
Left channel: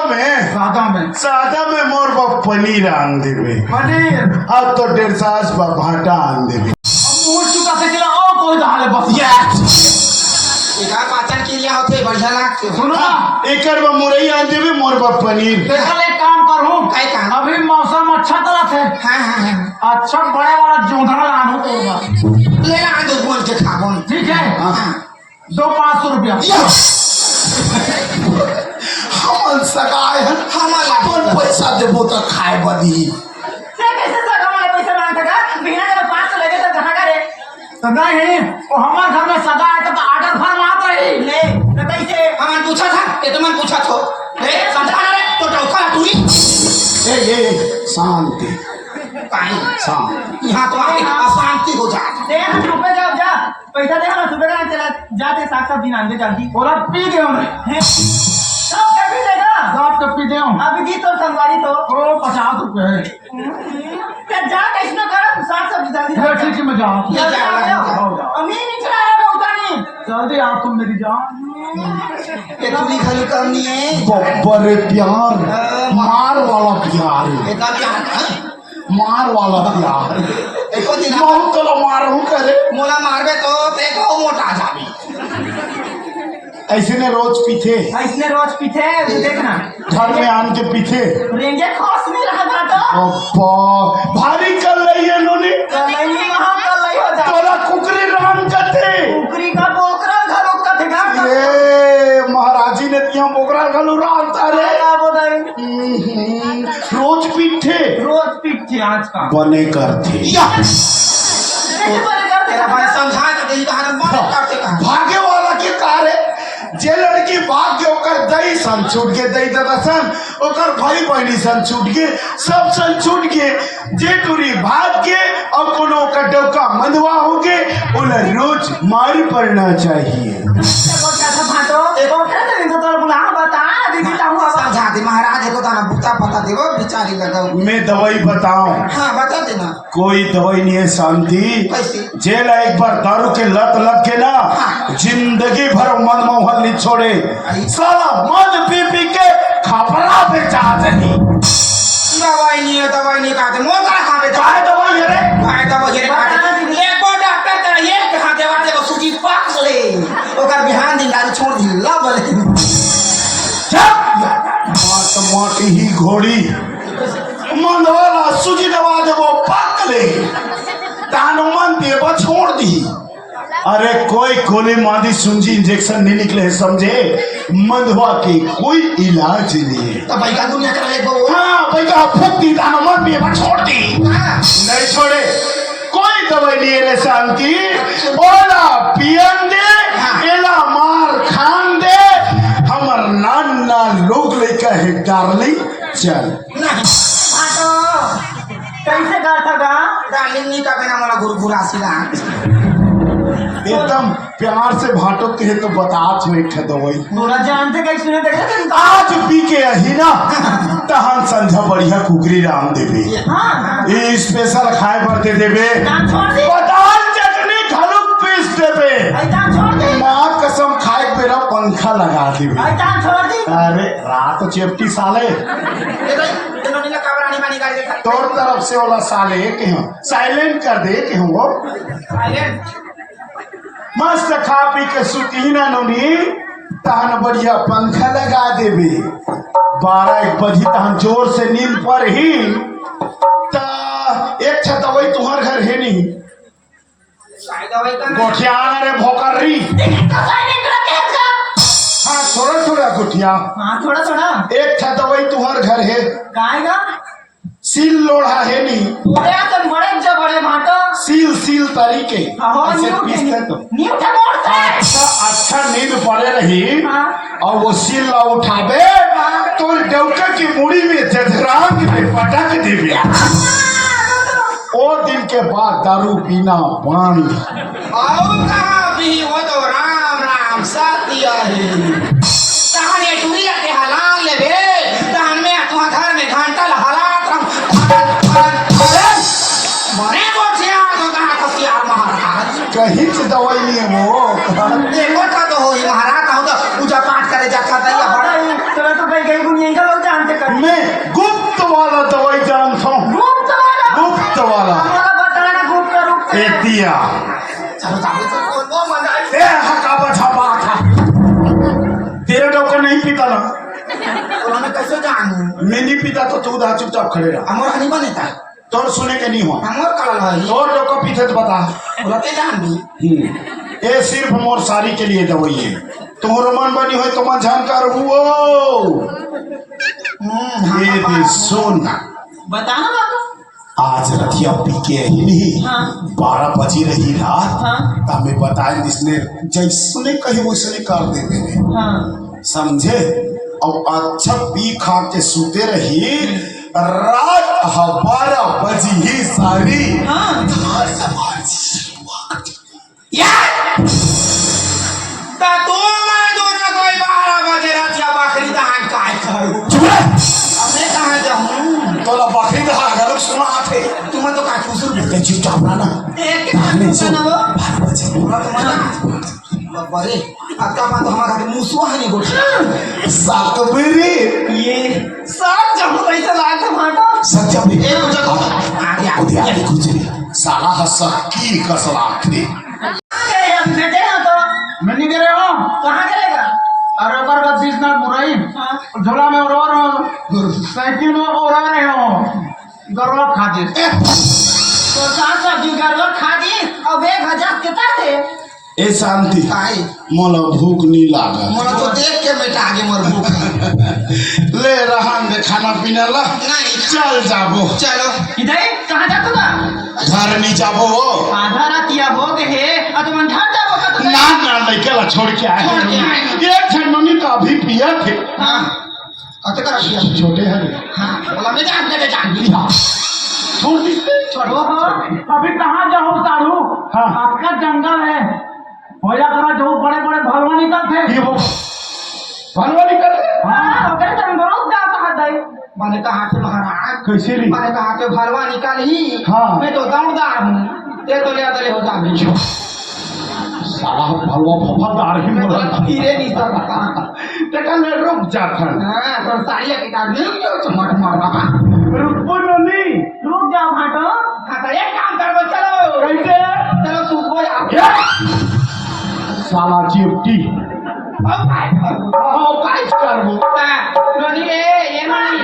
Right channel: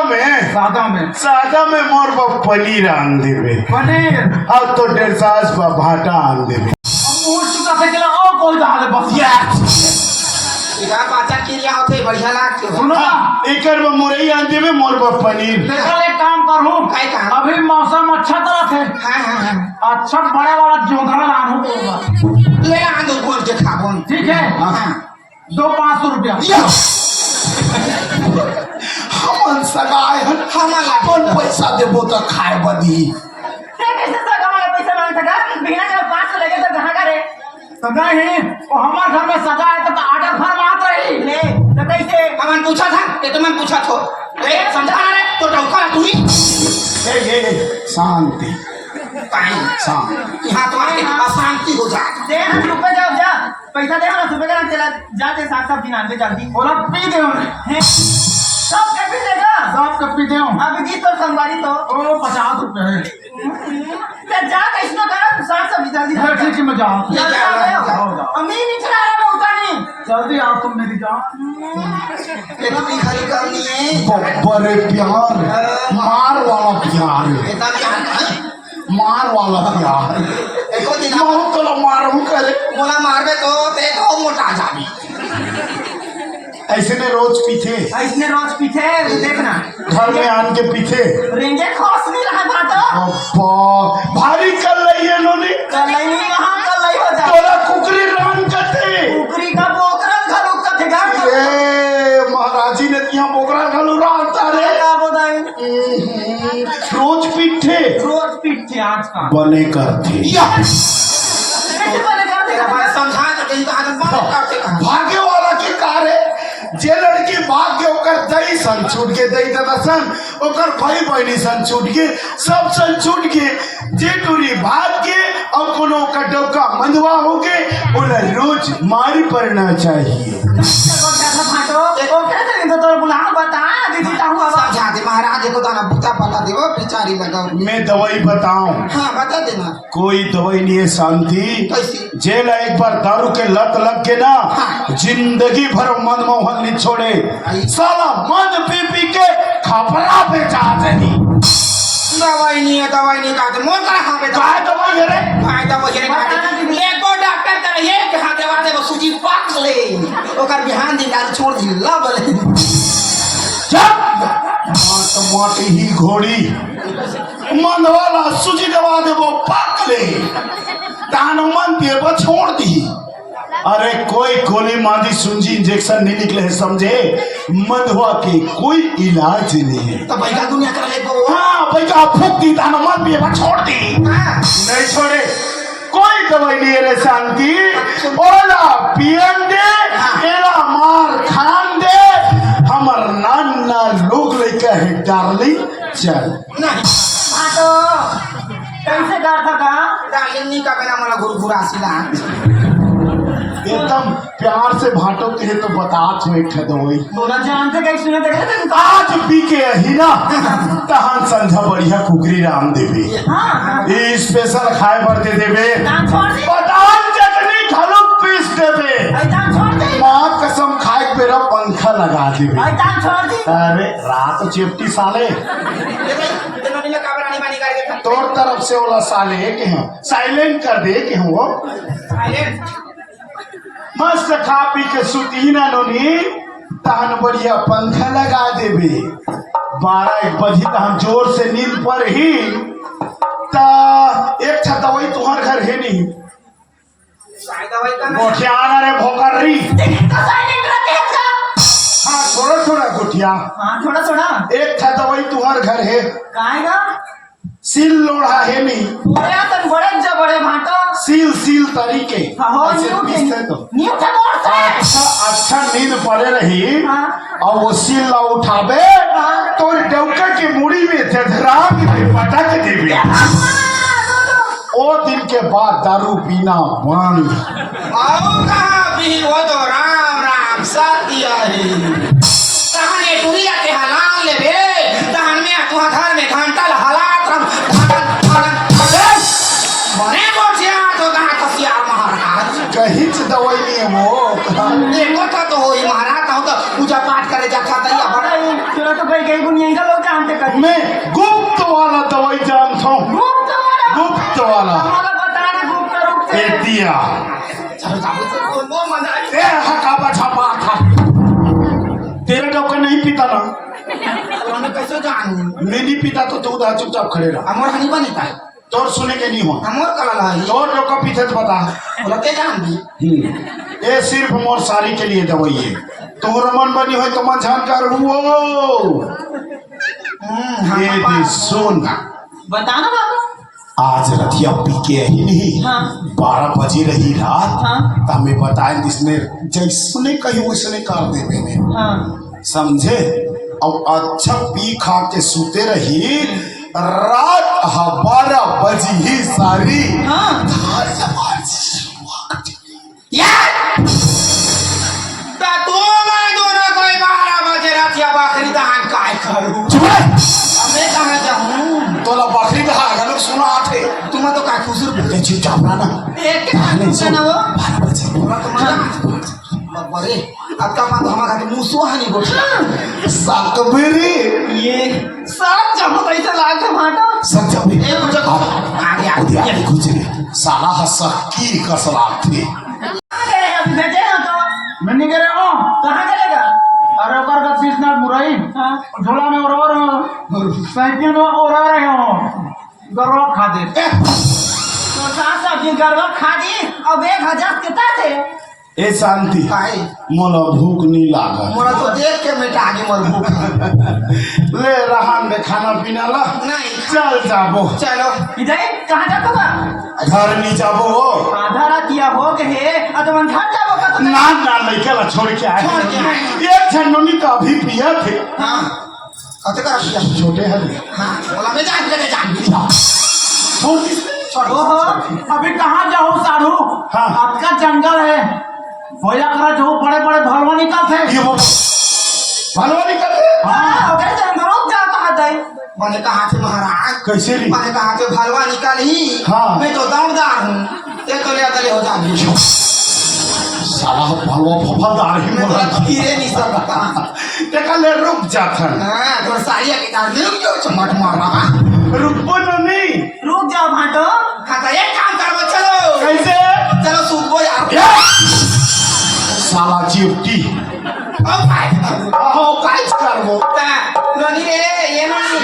में मोर बा पनीर आन देवे पनीर अब तो 150 बा भाटा आन देवे मुंह चुका से चला और कोई डाले बस इधर पाचन के लिए होते बढ़िया लागते सुनो ना एकर बा मुरई आन देवे मोर बा पनीर देखो एक काम करूँ काय काम? अभी मौसम अच्छा तरह थे हाँ अच्छा बड़े वाला जोधरा लाना होगा ले ला दो बोल के खाबो ठीक है हाँ 500 रुपया हमन सगाए हमन अपन पैसा देबो तो खाए बदी कैसे सगा वाला पैसा मांगता का बिना के 500 लगे तो कहां का रे तो नहीं वो हमारे घर में सजा है तो आर्डर फर मात रही ले तो कैसे हमन पूछा था ये तो मैं पूछा था रे समझा ना रे तो उठा तू ही ए शांति पानी शांति यहां तो आके अशांति हो जाए दे ना रुपए जाओ जा पैसा दे ना सुबह का चला जाते साथ साथ दिन आने जल्दी बोला पी दे हमने सब कभी देगा साफ तो पी दे हम अभी दी तो संवारी तो ओ 50 रुपए है ते जा कैसनो कर साथ सब जल्दी ये ठीक है मैं जाऊँ अमी नहीं चला रहा होता नहीं जल्दी आप तुम मेरी जान ये तू खाली काम नहीं है बड़े प्यार मार वाला प्यार बेटा क्या है मार वाला प्यार एको दिन मैं तो मारू करे मोला मारबे तो ते तो मोटा जाबी ऐसे ने रोज पीछे इसने रोज पीछे देखना घर में आन के पीछे रेंगे खोस नहीं रहा बाटा अब्बा भारी कर रही है इन्होंने कल नहीं वहां कल नहीं हो जाए तोरा कुकरी राम कते कुकरी का पोकरा घरों का ठेगा ए महाराजी ने दिया बोकरा घलू राता रे का बताई रोज पीछे रोज पीछे आज का बने करते कैसे बने कर तेरा देगा भाई समझा के दे तो आज बात करते का भागे वाला के कार है जे लड़की भाग के ओकर दई सन छूट के दई देता सन ओकर भाई बहनी सन छूट के सब सन छूट के जे टूरी भाग के और कोनो ओकर डबका मंदवा हो के ओला रोज मारी पड़ना चाहिए समझा दे महाराज को दाना बूता पता देवो बेचारी लगाओ मैं दवाई बताऊं हाँ बता देना कोई दवाई नहीं है शांति कैसे? जेल एक बार दारू के लत लग के ना जिंदगी भर मनमोहन नहीं छोड़े सारा मद पी पी के खपरा पे चाहते नहीं दवाई नहीं खाते मोर करा खावे तो चाहे दवाई है रे भाई दवाई है खाते ले को डॉक्टर करा ये कहा देवा देवा सूजी पाक ले ओकर बिहान दिन गाड़ी छोड़ दी ला बोले माटी ही घोड़ी मनवाला सूजी दवा दे वो पाक ले तानुमान देवा छोड़ दी अरे कोई गोली मादी सुंजी इंजेक्शन नहीं निकले है समझे मंदवा के कोई इलाज नहीं है तो भाई का दुनिया करा ले बो हाँ भाई का फूक दी तानुमान देवा छोड़ दी नहीं छोड़े कोई दवाई नहीं है शांति बोला पियन दे एला मार खान दे हमर नाना लोग लेकर है डार्लिंग चल नहीं कैसे कहा था का डार्लिंग नहीं का बिना मला गुरु गुरासीला एकदम प्यार से भाटो तो बतात में एक दवाई पूरा जानते कैसे नहीं देखा आज पी के ही ना तहन संझा बढ़िया कुकरी राम देवे हाँ ये स्पेशल खाए बढ़ते देवे दान छोड़ दी बदाम चटनी घलुक पीस देवे दान छोड़ दी माँ कसम खाए के मेरा पंखा लगा देवे दान छोड़ दी अरे रात चेपटी साले ये भाई तेनो नीला काबरानी मानी गाड़ी देखा तोर तरफ से वाला साले के हम साइलेंट कर दे के हम वो साइलेंट मस्त खा पी के सुती ना नोनी तहन बढ़िया पंखा लगा देवे 12-1 बजे तहन जोर से नींद पर ही ता एक छा दवाई तुम्हार घर है नहीं शायद दवाई का गोठियाना रे भोकरी हाँ थोड़ा थोड़ा गोठिया हाँ थोड़ा थोड़ा एक छा दवाई तुम्हार घर है गाएगा सील लोढ़ा है नहीं पूरा तो बड़े जब बड़े भाटो सील तरीके हाँ ऐसे न्यू पीसते तो न्यू था मोर से अच्छा नींद पड़े रही हाँ। और वो सील उठावे तो डौके की मुड़ी में जजरांग में पटक देवे ओ दिन के बाद दारू पीना बंद आऊंगा भी वो तो राम राम साथ दिया है कहानी टूरी लगे हलाल ले बे नहीं पीता ना, और हमें कैसे जानू मैं नहीं पीता तो तू उधर चुपचाप खड़े रहा। हमर हनी बनीता तोर सुने के नहीं हो, हमर कल है तोर लोग का पीते तो बता। रते जान भी ये सिर्फ मोर सारी के लिए दवाई है। तोर मन बनी हो तो मन झान कर वो ये भी सुन, बताना बाबू। आज रतिया पी के ही नहीं, हाँ। 12 बजे रही रात, हाँ। तो हमें बताए जिसने जैसने कहे वैसने कर देते हैं, हाँ। समझे। और अच्छा पी खा के सोते रही, रात 12 बजी ही सारी हाँ। ता तू मैं दोनों कोई 12 बजे रतिया बकरी दहन काय करू मैं कहां जाऊं तोला बकरी दहा गलो सुना आथे तुम तो का खुसुर ते जी जावना ना एक के ना वो 12 बजे पूरा तुम्हारा बरे आता मान हमारा के मुसुआ नहीं गोठी साकबेरे ये सब जब पैसा लाग माटा सजबे ए मुझे आगे उदिया कुछ सारा हंसा की कसला थे। अभी बैठे हो तो मैं नहीं कह रहा हूँ। कहाँ चलेगा? अरे ओकर का बीसनाथ बुराई हाँ। झोला में और हो, साइकिल में और रहे हो, गरवा खा दे। तो साथ सब्जी गड़बड़ खा दी और 1000 कितना थे? ए शांति काहे मोला भूख नहीं लागा, मोरा तो देख के बेटा आगे मर भूख ले रहा में खाना पीना ला, नहीं चल जाबो चलो इधर कहाँ जाता था? घर नहीं जाबो आधा रातिया हो गए और तुम ठहर जाओ का तुम? ना ना नहीं कला छोड़ के आए छोड़ के आए। ये झंडूनी तो अभी पिया थे हां कत का किया छोटे हरे हां बोला मैं जान के जान छोड़ दी ओहो, अभी कहाँ जाओ साधु? हाँ। आपका जंगल है, होया करा जो बड़े बड़े भलवा निकलते। ये वो भलवा निकल हाँ, ओकरे तो हम रोक जा कहाँ थे? मैंने कहा थे महाराज कैसे ली मैंने कहा थे भलवा निकाली हाँ। मैं तो दावदार हूं ते तो ले हो जा साला भलवा फफादार ही मैं मोला तो फिरे नहीं सकता देखा ले रुक जाता हां तो सारी की तार ले लो चमट मारा रुको नहीं रुक जाओ भाटो। हां तो एक काम करो चलो कैसे चलो सूत यार साला चिपटी अब काय करो आओ काय करबो ननी रे ये ननी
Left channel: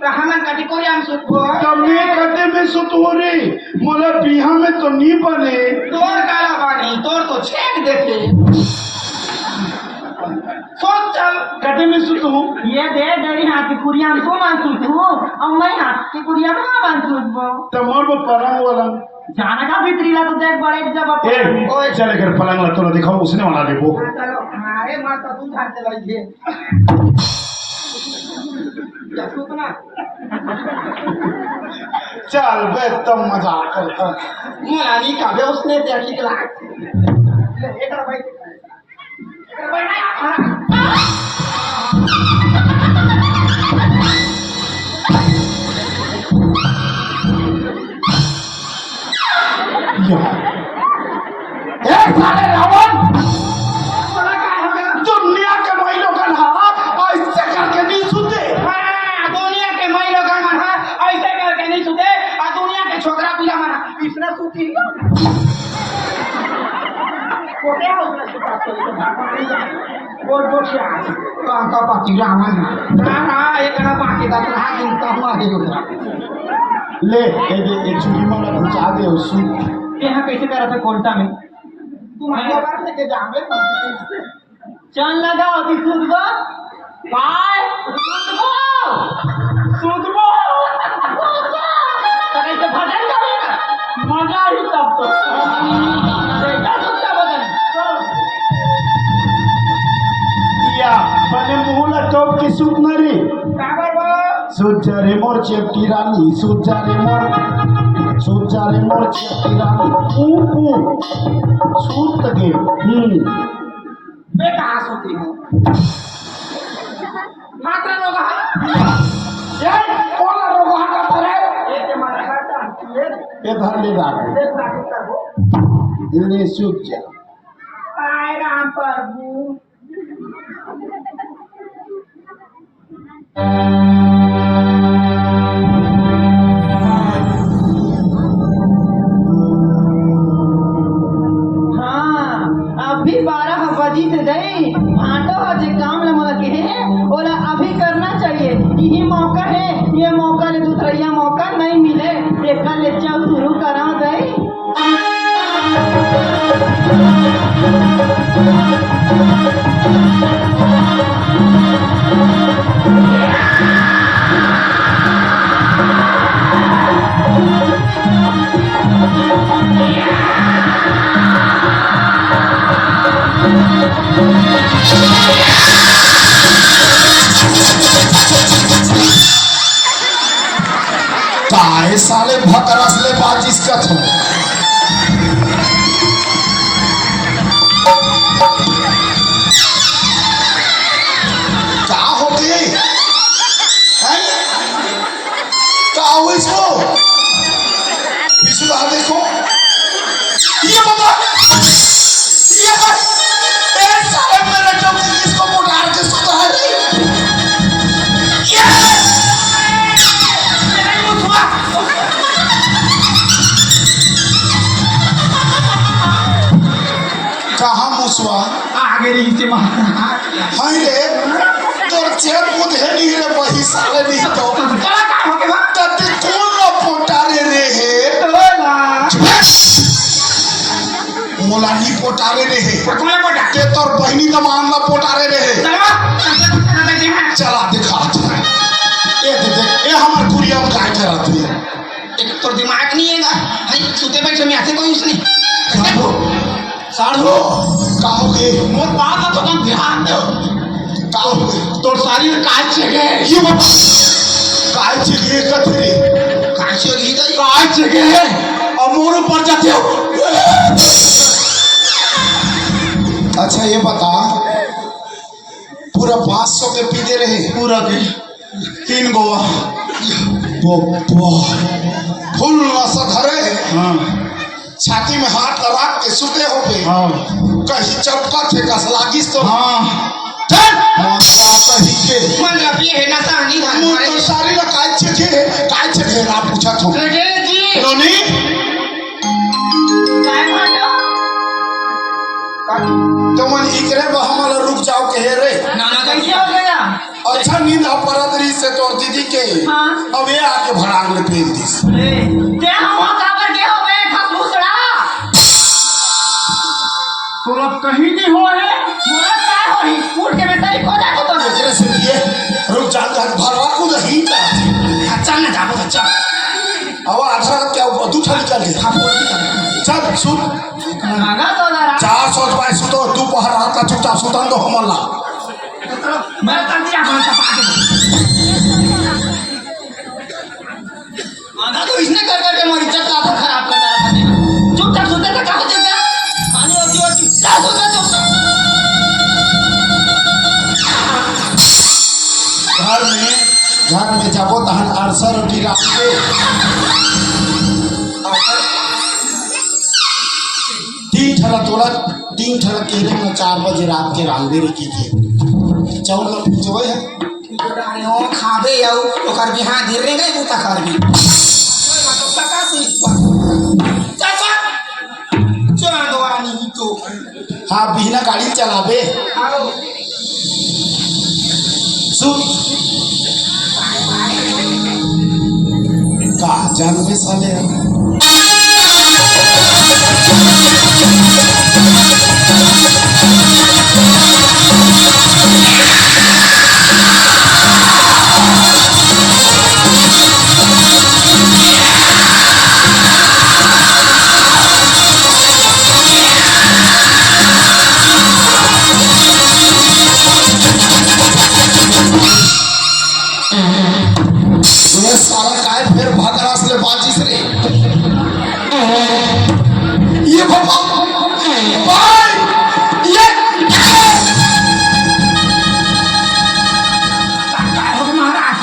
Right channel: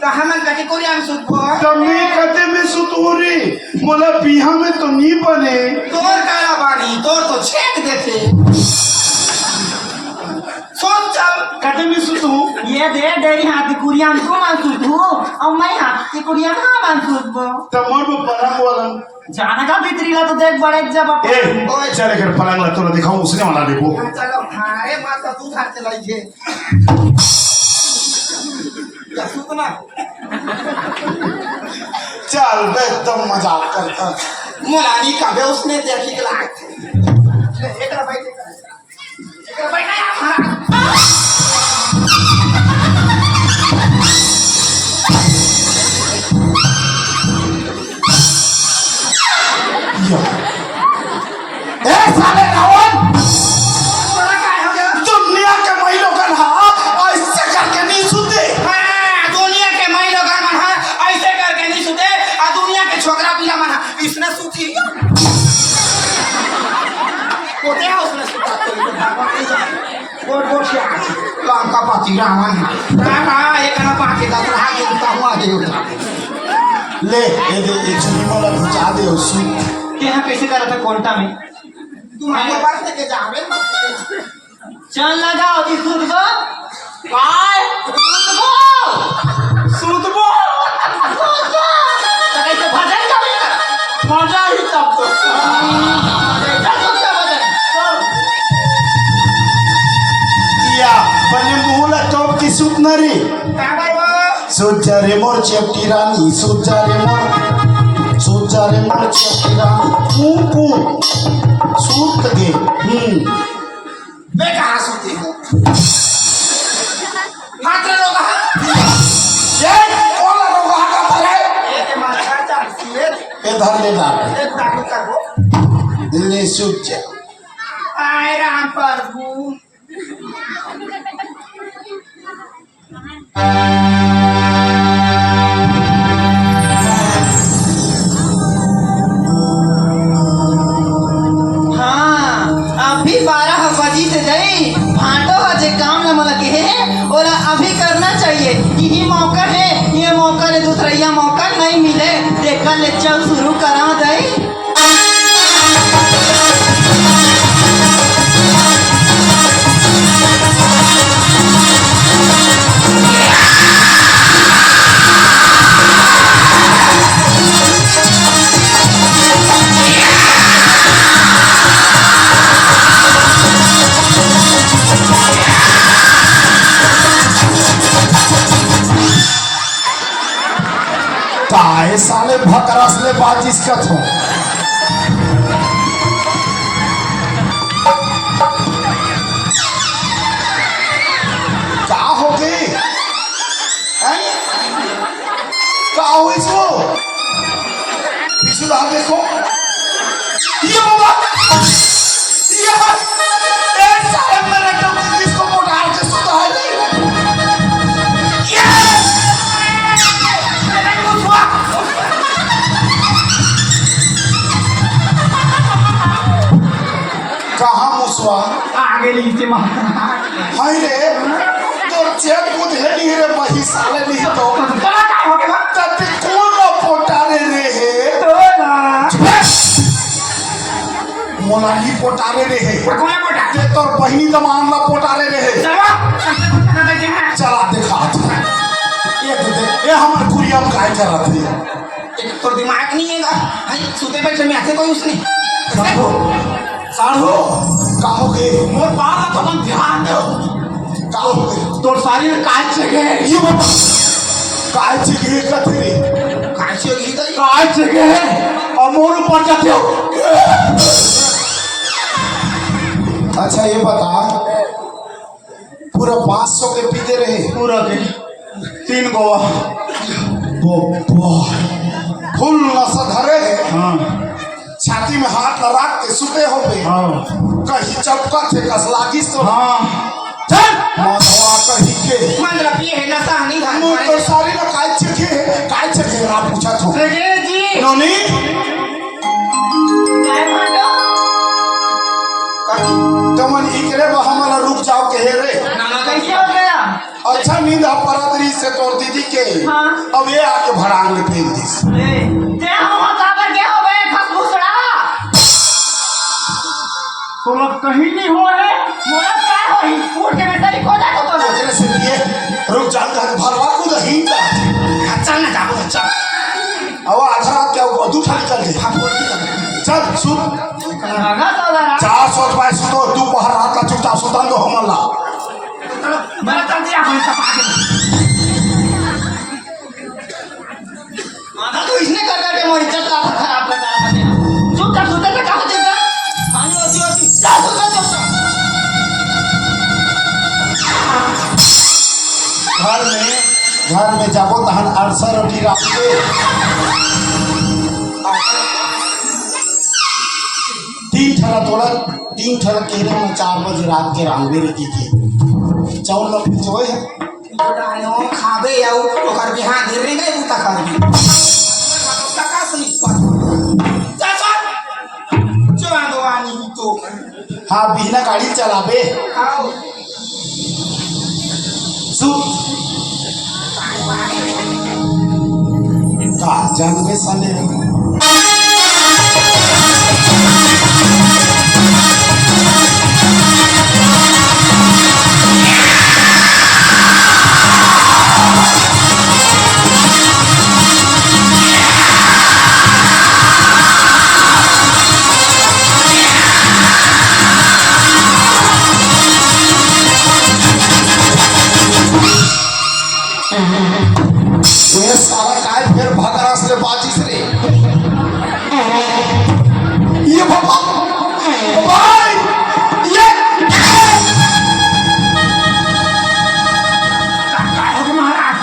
तो हमन कटी कोरी हम सूत कमे कते में सुतोरे मोला बिहा में तो नहीं बने तोर काला बानी तोर तो छेक देते सोच चल कते में सुतू ये दे डेरी हाथी कुड़िया को मानसूत हूँ और मैं हाथी कुड़िया को मानसूत बो। तो मोर को परम बोला जाना का भीतरी ला तो देख बड़े जब ए चले कर पलंग ला तोरा दिखाओ उसने वाला देखो चलो हारे माता तू थार चलाई छे या सूतना चल बे तुम मजाक करता मुलानी का बे उसने देखी के लाग ले एकरा बैठे एकरा बैठा यार हरा ए साले रावण बोला काय हो गया दुनिया के भाई लोग ऐसे करके नहीं सुते हां दुनिया के माई लोग मन है ऐसे करके नहीं सुते आ दुनिया के छोकरा पिला मन है इसने सूती कोते हाउस में सुता तो बोल बोल से काम का पाती रावण ना एक ना पाती का हां दिन का हुआ के ले ए दे एक सुनी मोला बुझा दे उसू यहाँ कैसे कर रहे कोंटा में? तुम मोबाइल लेके जावे चल लगा अभी सुन गो काय सुध बो, तो कैसे भजन का मजा ही तब तो। या बने मुहला टॉप की सूत ना रे का करबो सूत जा रे मोर चेपटी रानी सूत जा रे मोर चेपटी रानी ऊपू सूत दे मैं कहां सूती हूं हाथ रे लोग ये कॉलर रोगा का तरह एक माथा चाहती है ए धर ले जा एक डॉक्टर करबो दिल्ली सूत जा आय राम प्रभु हाँ अभी 12 बजी से जाई भाटो अजे काम न मला के यही मौका है, ये मौका ने दूसरा यह मौका नहीं मिले। देखा ले चल शुरू करा दे। काहे साले भकरस ले बाजिस कथ हो क्या हो गई हैं? क्या हो इसको पिछला देखो ये बाबा ये साले मेरे जो किसको मोटार के सुता है कहाँ मुसवा आगे नीचे मार हाय रे तोर चेप बुधे नहीं रे वही साले नहीं तो चला का हो गया तब कौन ना पोटारे रे है तोला मोलानी पोटारे रे है कौन मोटा के तोर बहिनी दमान ना पोटारे रे है चला चला दिखा ये देख ये हमर कुरिया में काय करत है एक तो दिमाग नहीं है भाई सुते बैठे में आते कोई उसने साढ़ो कहोगे मोर बात तो कम ध्यान दो कहोगे तोर सारी काज जगह ये बाबा काय चीज़ कथरे काज जगह दई काय जगह है और मोर ऊपर जाते हो अच्छा ये बता पूरा 500 के पीते रहे पूरा के 3 गोवा। फुल नशा धरे हाँ छाती में हाथ लगा के सुते हो पे हाँ कहीं चपका थे कस लागिस तो हाँ चल माथवा कहीं के मंगला पिए है नशा नहीं मुझ तो सारी ना काय चखे रा पूछा तो रे जी नोनी काय मांडो? तुमन इकरे बहामला रुक जाओ के हे रे नाना कैसे हो गया? अच्छा नींद अपरात्री से तोर दीदी के हाँ। अब ये आके भड़ांग ले फेंक दिस रे ते हवा काबर के हो बे खसबुसड़ा? तो अब कहीं नहीं हो है। मोरा क्या होई? उठ के मैं तेरी कोदा को तो एकरे से लिए रुक जा भरवा को दही का चल ना जाओ चल अब आधा रात क्या हुआ दूठा निकल गया चल सुन लगा तो जरा 400 रुपए सुतो दोपहर रात का चुपचाप सुता दो हमला मेरा चल दिया कौन सा पागल आधा तो इसने कर करके मोरी इज्जत आप खराब करता है चुपचाप सोते थे कहां चलता पानी होती जा सोते चुपचाप घर में जाबो तहन अरसा रोटी रात के तीन ठला तोड़ा 3 ठला केरे में 4 बजे रात के रांगेरे की के चावल का पिचोय है डालो खाबे आउ ओकर बिहान धीरे गए बुता करबी पकास नहीं चाचा चला दो आनी तो हाँ बिना गाड़ी चलाबे आओ सुन का जान में साले ये सारा काय फिर भगरास ले बाजिस रे ये बाबा भाई ये काय हो महाराज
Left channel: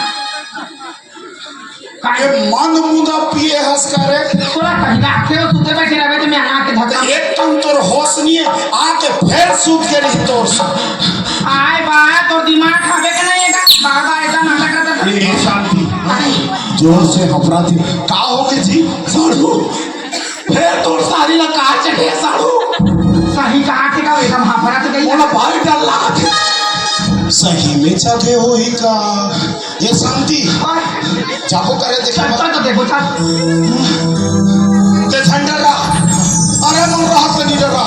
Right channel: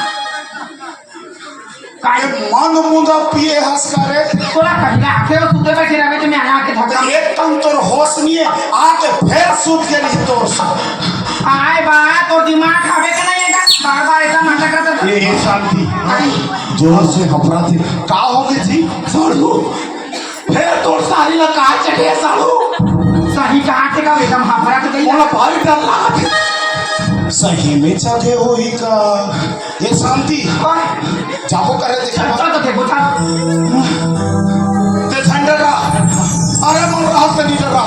काय मन मुंदा पिए हंस करे तोरा कहीं आके हो सुते बैठे रहे तो मैं आके धक्का एक तन तोर होश नहीं है आके फिर सूत के रही तोर आए बा तो दिमाग खावे के नहीं है बाबा ऐसा नाटक करता था ये शांति जोर से घबरा थी का हो गई जी साड़ू फिर तोर सारी ला काट चढ़े साड़ू सही कहा के का एकदम हाफरा के गई मोला भारी डर लगा थी सही में जगे होई का ये शांति जाबो करे देखा चल तो देखो चल ते झंडरा अरे मन राहत नहीं डरा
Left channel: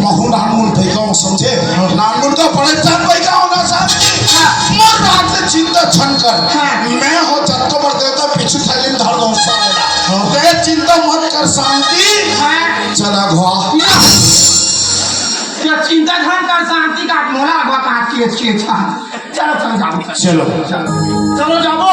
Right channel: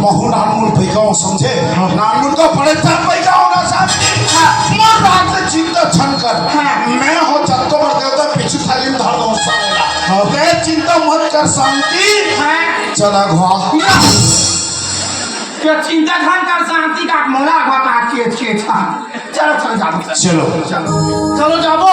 महु नानमुन पैगाओ समझे नानमुन का बड़े चार पैगाओ ना शांति मन राहत से चिंता छन कर मैं हो चक्कर देवता पिछु थाली में धर दो साला ते चिंता मत कर शांति चला घुआ क्या चिंता खान का शांति का मोला बात के था चलो चलो जाओ चलो चलो जाओ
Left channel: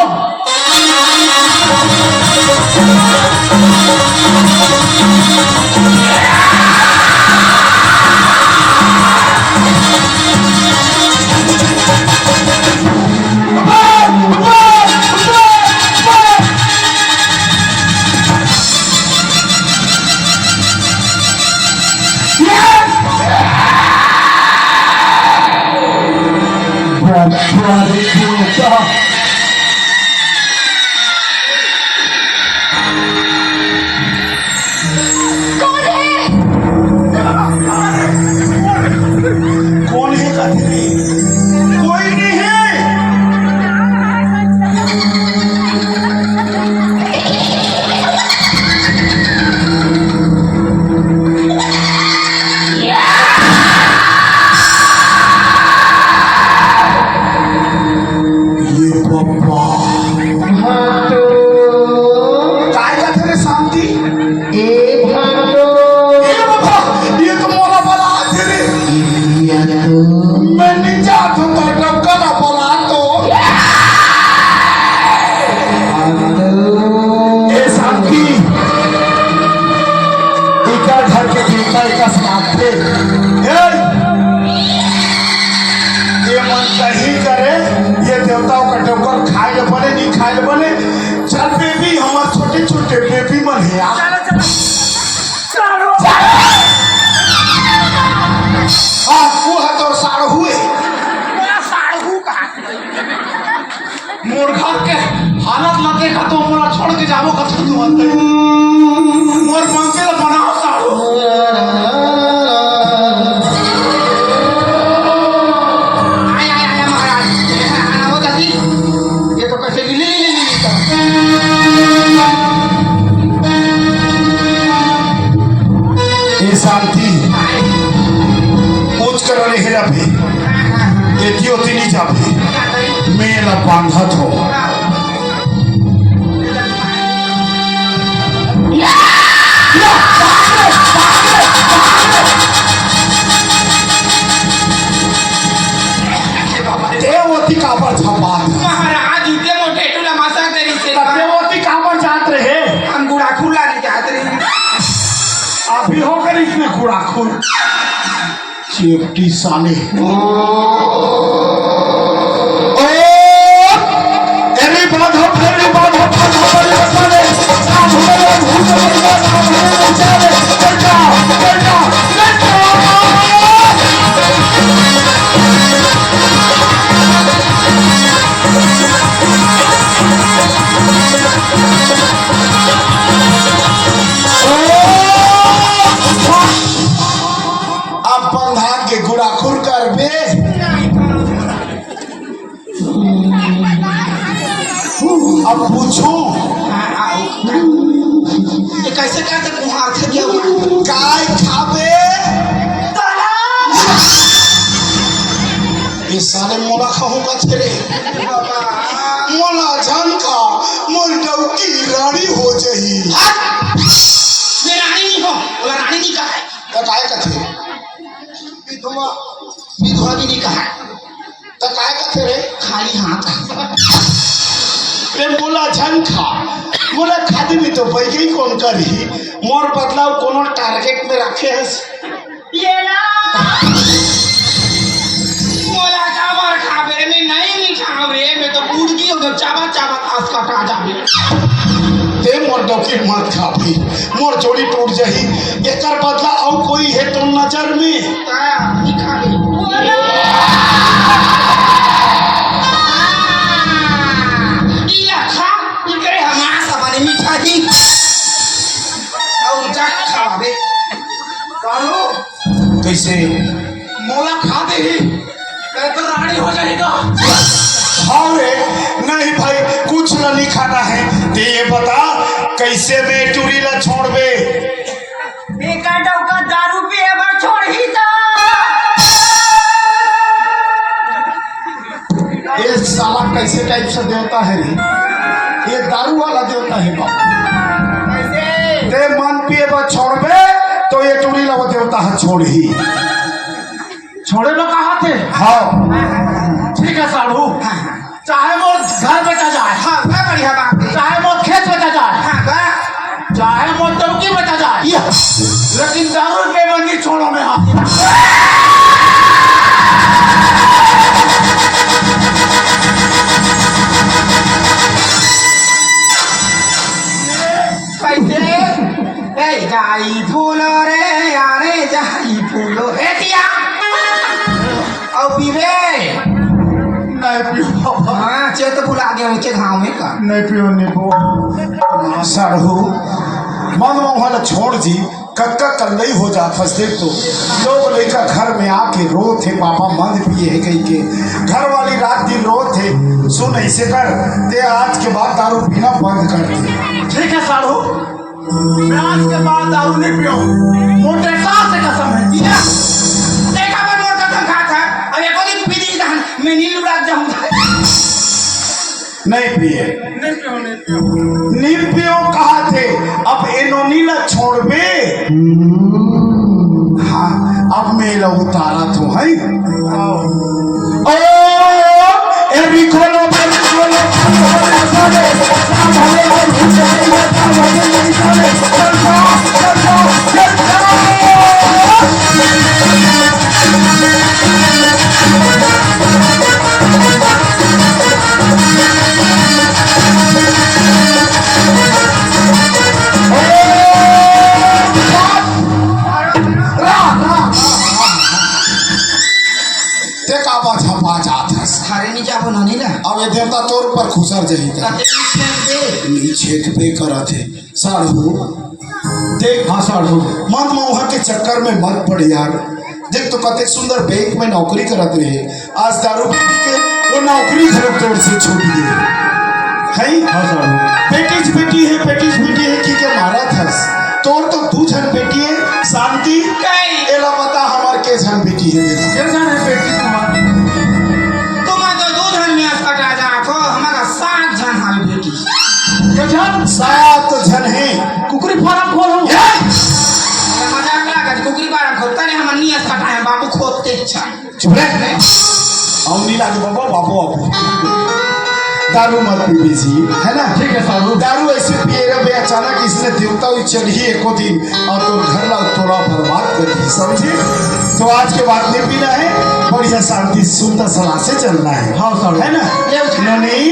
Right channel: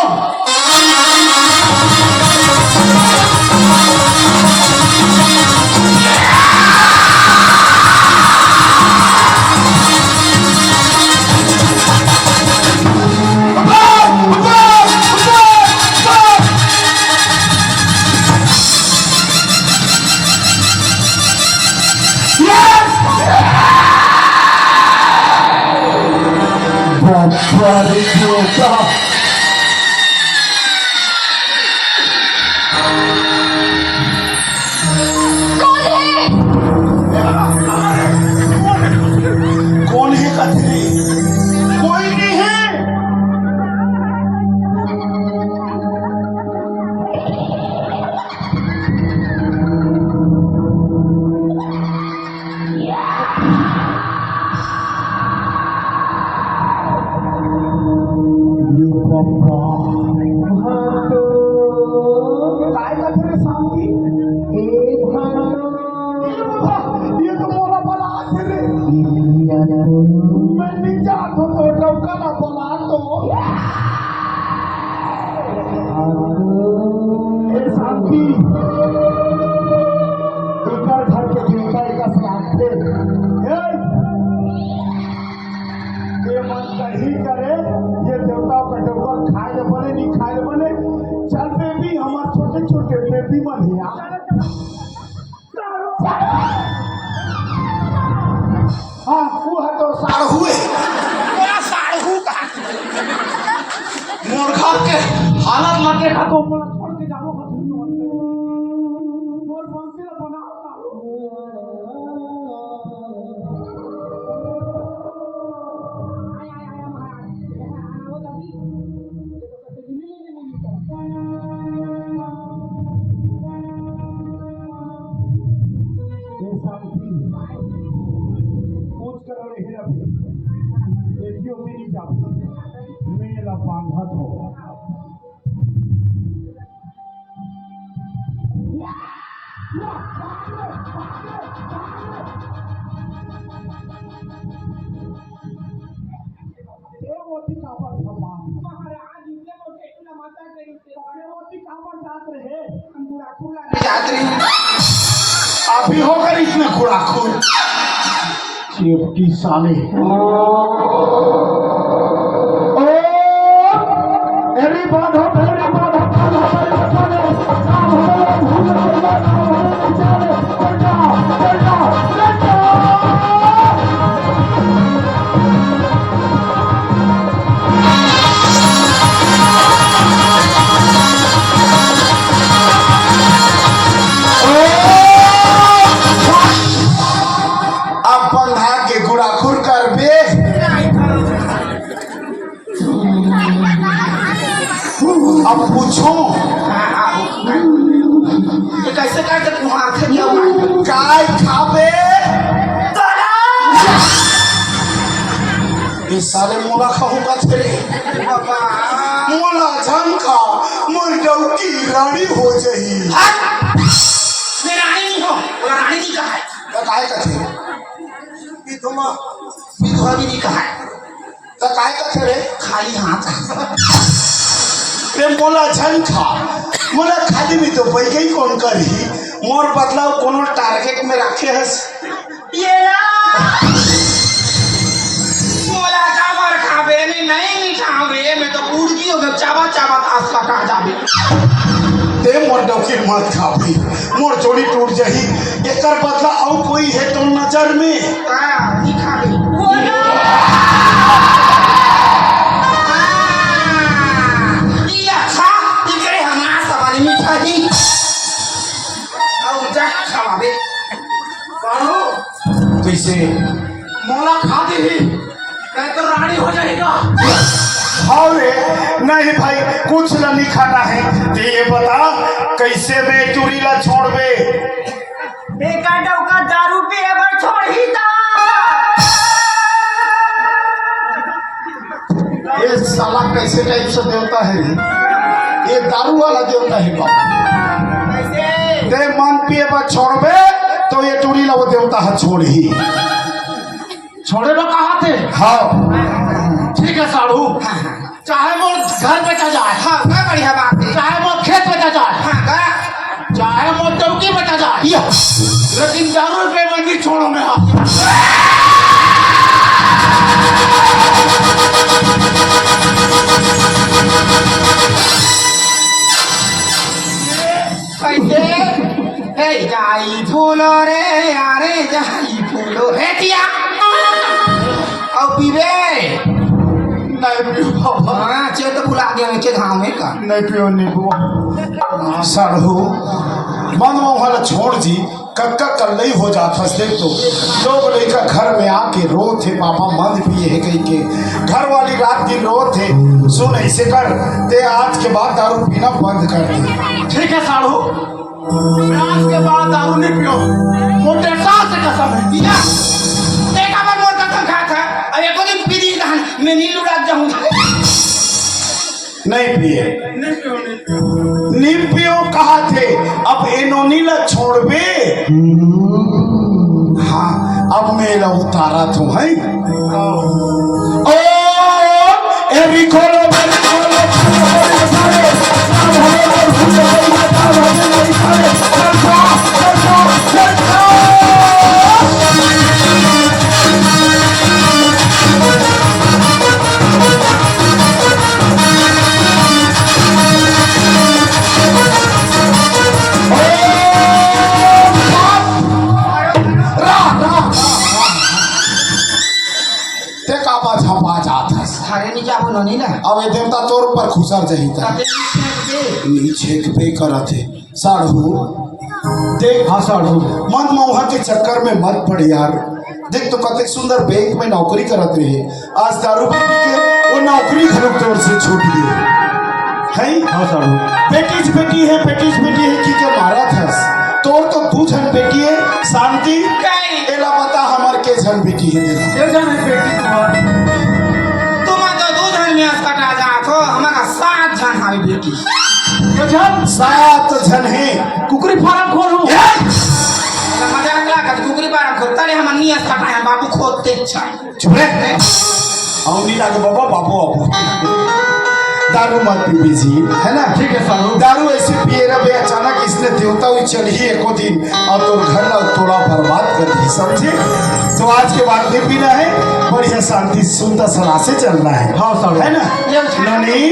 कौन है कहते नहीं कोई नहीं है ये पापा काय कहते रे शांति ये बाबा ये तो मोला बला है रे मैं नहीं जाता तो डॉक्टर बोला तो ये शांति इधर घर के देवता का समाप्त थे ये मन कहीं करे ये देवताओं का डोकर खाए ले बने नहीं खाए ले बने चल बेबी हमारे छोटे छोटे बेबी मन है यार हाँ वो है तो साड़ हुए मोर घर के हालत न देखा तो मोरा छोड़ के जाबो कथन तू अंत मोर मंगे बनाओ साड़ो आया महाराज आना वो जल्दी ये तो कैसे ले ये शांति पूछ कर रहे हेरा भी ये दियोती नहीं जाबे मेला बांधा थो देवती का पर छपा महाराज इतने मोटे टूला मासा तेरी से देवती का पर जात रहे हम गुड़ा खुला नहीं जात रहे अभी होकर इसमें खुराखुर चेपटी साले अब बंधा के गुड़ाखुर कर बे अब पूछो ये कैसे कैसे कुमार थे दिया काय खाबे ये सारे मोला खाऊंगा तेरे बाबा मोला झंका मोर डौकी रानी हो जही मैं रानी नहीं हो वो रानी की कहा है त काय कथे विधवा विधवा भी नहीं कहा है त काय कथे रे खाली हाथ रे मोला झंका मोला खाली भी तो बैगई कौन करी मोर बदलाव कोनो टारगेट में रखे हस ये ला मोला चावर खावे नहीं खावे मैं तो बूढ़ की उधर चावा चावा आस का कहा जावे ते मोर डौकी मत खाबी मोर जोड़ी टूट जही एकर बदला और कोई है तो नजर में नहीं खावे ये खा इकरे हमारा सवारी मीठा ही और जा खावे कानो कैसे मोला खा दे ही तो रानी हो जाएगा। हाँ रे, नहीं भाई कुछ ना नहीं खाना है। ते ये बता कैसे बे टूरी ला छोड़ बे। बेकार डौका दारू पे अबर छोड़ ही दो। ये साला कैसे टाइप से देवता है रे? ये दारू वाला देवता है का? कैसे? ते मन पिए बा छोड़ बे तो ये टूरी ला वो देवता है छोड़ ही। छोड़े में कहा थे। हाँ ठीक है साड़ू, चाहे वो घर बेचा जाए, हाँ मैं बढ़िया बात है। चाहे वो खेत बेचा जाए, हाँ गया। चाहे वो टंकी बेचा जाए, लेकिन दारू पे मंदी छोड़ो में हाथ। कैसे? ए जाई फूलो रे यारे जाई फूलो ए पिया और पीबे हाँ चेत फुला गया नीचे धाम में का नहीं पियो नींबू साढ़ू मन वाला छोड़ जी कक्का कल्लई हो जाता देख तो लोग लेकर घर में आके रो थे पापा मद पिए है कहीं के घर वाली रात दिन रो थे सुन ऐसे कर ते आज के बाद दारू पीना बंद कर दे। ठीक है साड़ू, मैं आज के बाद दारू नहीं पियो। मोटे सास से कसम है। देखा मैं मोर कसम खाता है अब एको दिन पी दी धान मैं नील उड़ा जाऊंगा। नहीं पिए नील पियो कहा थे अब इनो नीला छोड़ बे। हाँ अब मेरा उतारा तो है। ओ एवी खोलो थारे नहीं जाबो नहीं ना अब ये देवता तोर ऊपर खुसर जाइता नीचे पे करा थे साढ़ू देख। हाँ साढ़ू मन मोहा के चक्कर में मत पड़ यार। देख तो कते सुंदर बैंक में नौकरी करत रहे आज दारू पी के वो नौकरी घर तोड़ से छूट गई है। हाँ साढ़ू बेटी बेटी है की के मारा था तोर तो तू झन बेटी है शांति एला पता हमार के झन बेटी है सात जन है कुकरी फार्म खोलो। मजाक लगा कुकरी बारा खोलता रे हम नियत पकाया बाबू खोदते अच्छा चुप रह हम नहीं लागे बाबा बाबू बाबू दारू मत पी जी है ना। ठीक है साड़ू, दारू ऐसे पिए रहे अचानक इसने देवता हुई चढ़ी एको दिन आप तो घर ना थोड़ा बर्बाद कर दी समझे। तो आज के बाद नहीं पीना है बढ़िया शांति सुंदर सलाह से चलना है। हाँ साड़ू है ना नहीं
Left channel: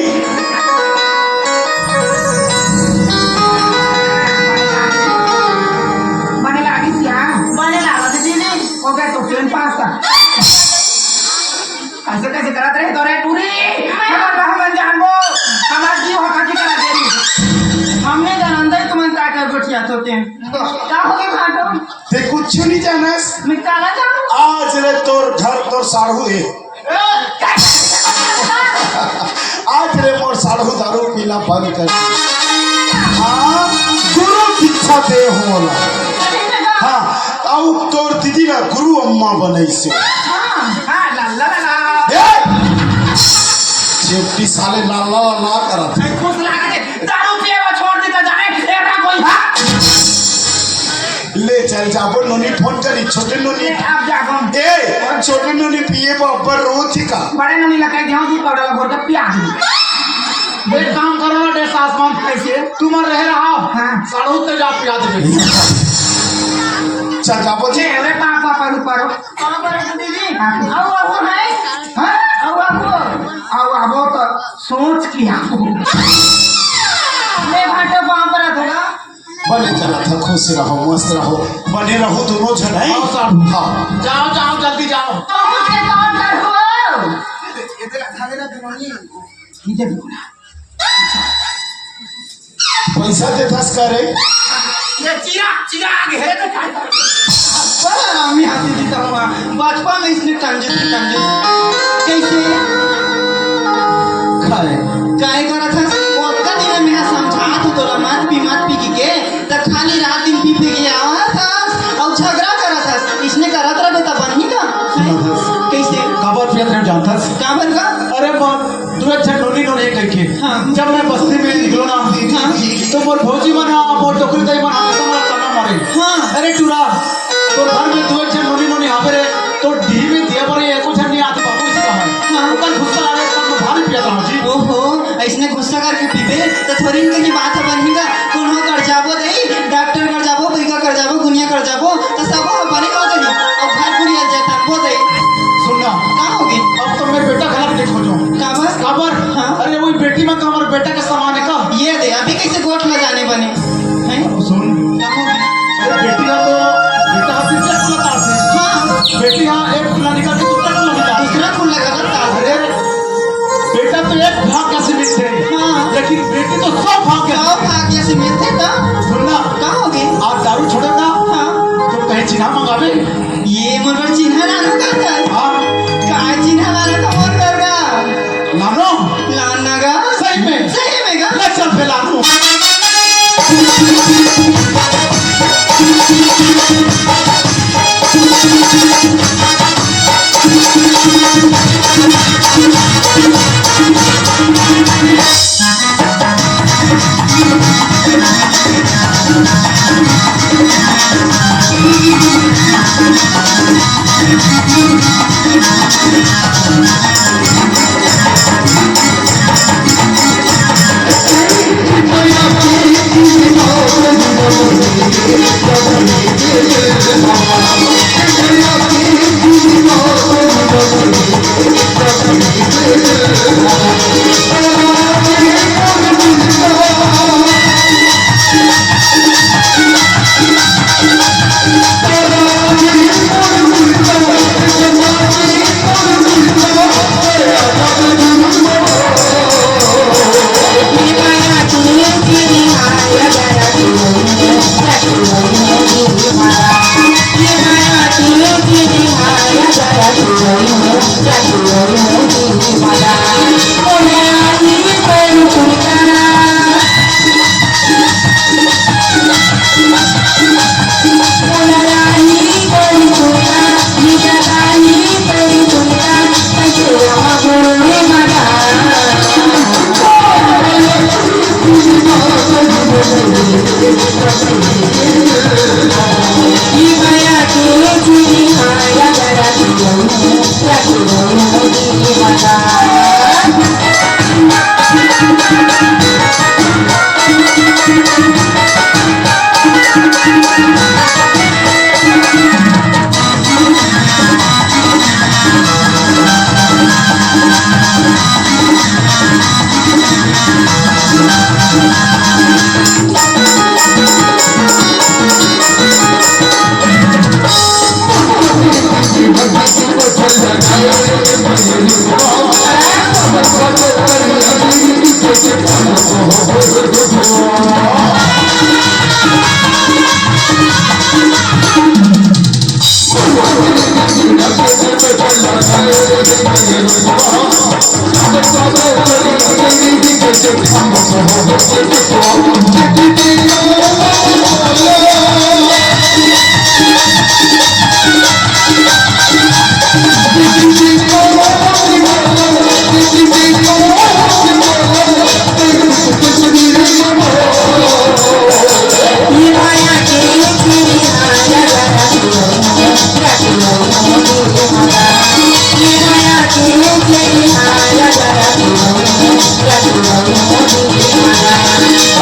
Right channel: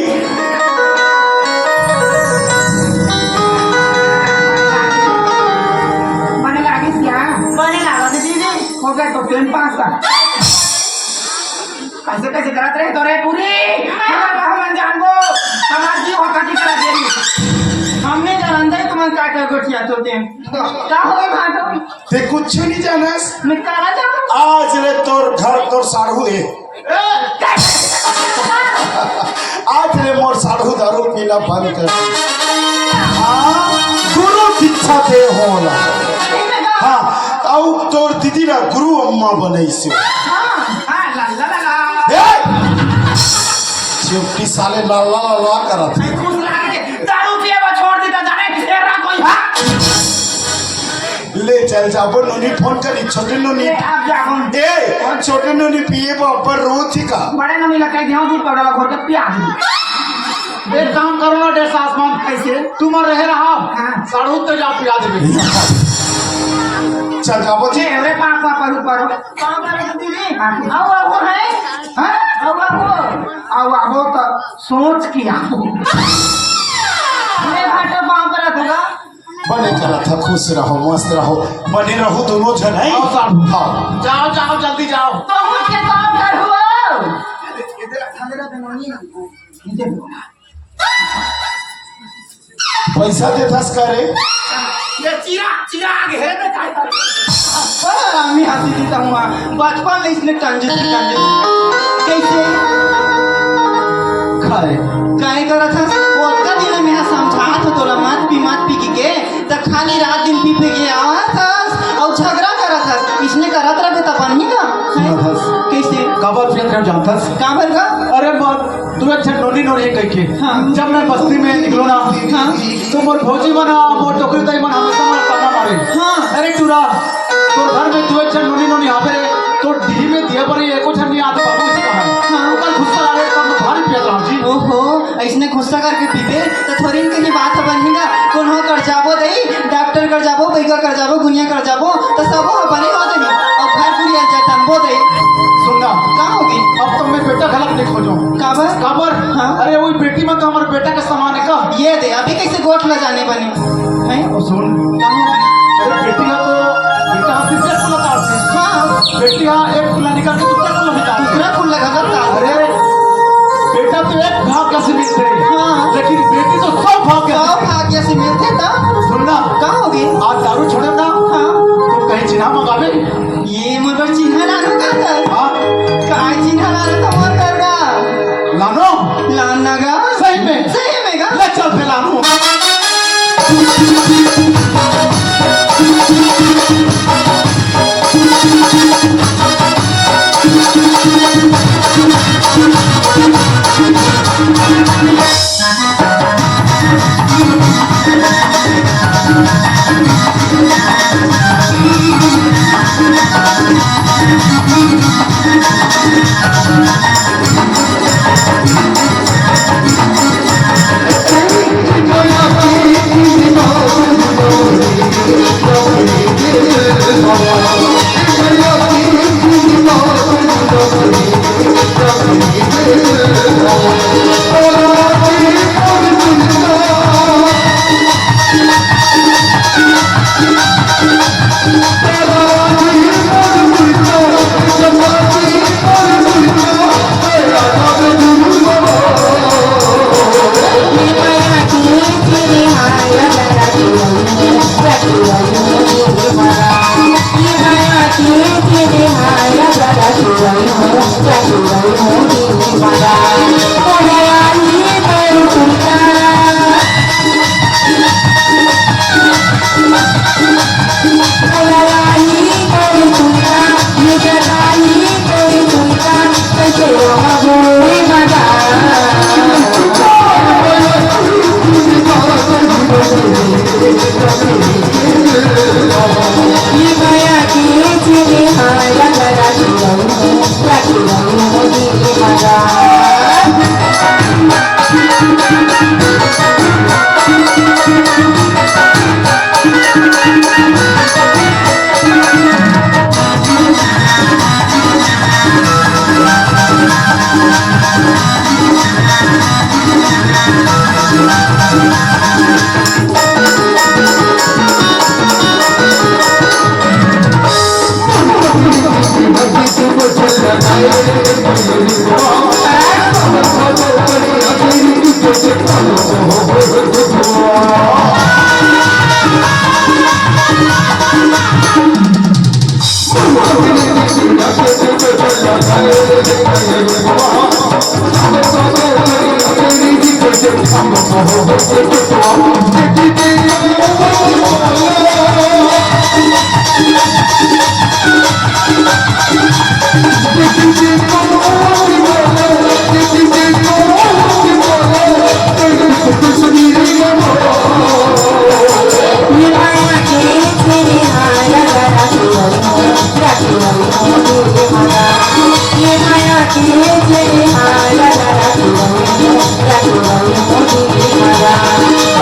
ऐसे कैसे करत रहे तोरे पूरी हम जानबो हमार जीव हकाटी करा देरी हमने जानते तुम का क्या गोटिया चोटे क्या हो गया खाटो ते कुछ नहीं जानस निकाला जाओ आज ने तोर घर तोर साढ़ू है आज रे मोर साढ़ू दारू पीना बंद कर हाँ गुरु दीक्षा दे होला। हाँ आउ तोर दीदी ना गुरु अम्मा बनाई से हां ला ला ला चिपटी साले लाला लाला करा था। खुश लगा दे दारू पिएवा छोड़ देता जाने एकरा कोई ले चल जाबो नोनी फोन करी छोटे नोनी आप जा फोन ए और छोटे नोनी पिए ऊपर रोती का बड़े नमी लगा ध्यान दूर पड़ा घोर का पिया एक काम करो डे सास मां कैसे तुम रह रहा हां साड़ू तो जा पिया दे। चल जाबो जे रे पापा पर कहां पर है दीदी आओ आओ है हां आओ आओ आओ आवो तो सोच किया ये घाटा कहां पर है तुला बने चला था खुश रहो मस्त रहो बने रहो दोनों जन है। हाँ जाओ जाओ जल्दी जाओ। तो मुझे कौन कर हो इधर खाने ना बनोनी इधर बोला पैसा दे दस करे ये चिराग है ना काय पर आम्ही हाती देता हूं बचपन में इसने टंजे कैसे खाए काहे करत हस ओतका दिन में समझात हो तोरा मत पी के त खाली रात दिन पी के आवत हस और झगड़ा करत हस इसने करत रहे त बनही का सुनत हस कैसे काबर पियत रह जानत हस काबर का अरे बाप तू अच्छा नोनी नोनी कह के हाँ। जब मैं बस्ती में निकलो ना हाँ। तो मोर भौजी बना मोर टोकरी तई बना सब ताना मारे हाँ। अरे टूरा तो घर में तू अच्छा नोनी नोनी आवे रे तो डी में दिया पर ये कुछ नहीं आते बाबू इसका है हाँ। कल गुस्सा आया तो भारी पियत रहा जी ओहो ऐसने गुस्सा करके पीबे तो थोड़ी इनके बात बनेगा कौन हो कर जाबो दई डॉक्टर कर जाबो पैका कर जाबो गुनिया कर जाबो तो सब बने हो गई और घर पूरी आ जाता वो दई सुनना का होगी अब तो मैं बेटा गलत देखो जो काबर काबर हाँ। अरे वही बेटी में कमर बेटा का सामान है का ये दे अभी कैसे गोट में जाने बने हैं और सुन का होगी अरे बेटी का तो बेटा तीसरा खुला था हाँ बेटी हाँ एक खुला निकाल के दूसरा खुला निकाल दूसरा फूल लगा करता अरे बेटा तो एक भाग का सीमित थे हाँ। लेकिन बेटी तो 100 भाग के गाँव भाग्य से मिलते था सुनना का होगी आज दारू छोड़ेगा हाँ तो कहीं चिन्हा मंगावे ये मगर चिन्ह लानो कर हाँ का चिन्ह लानो का मर करगा लानो लाना गा सही में गा ले चल फिर लानो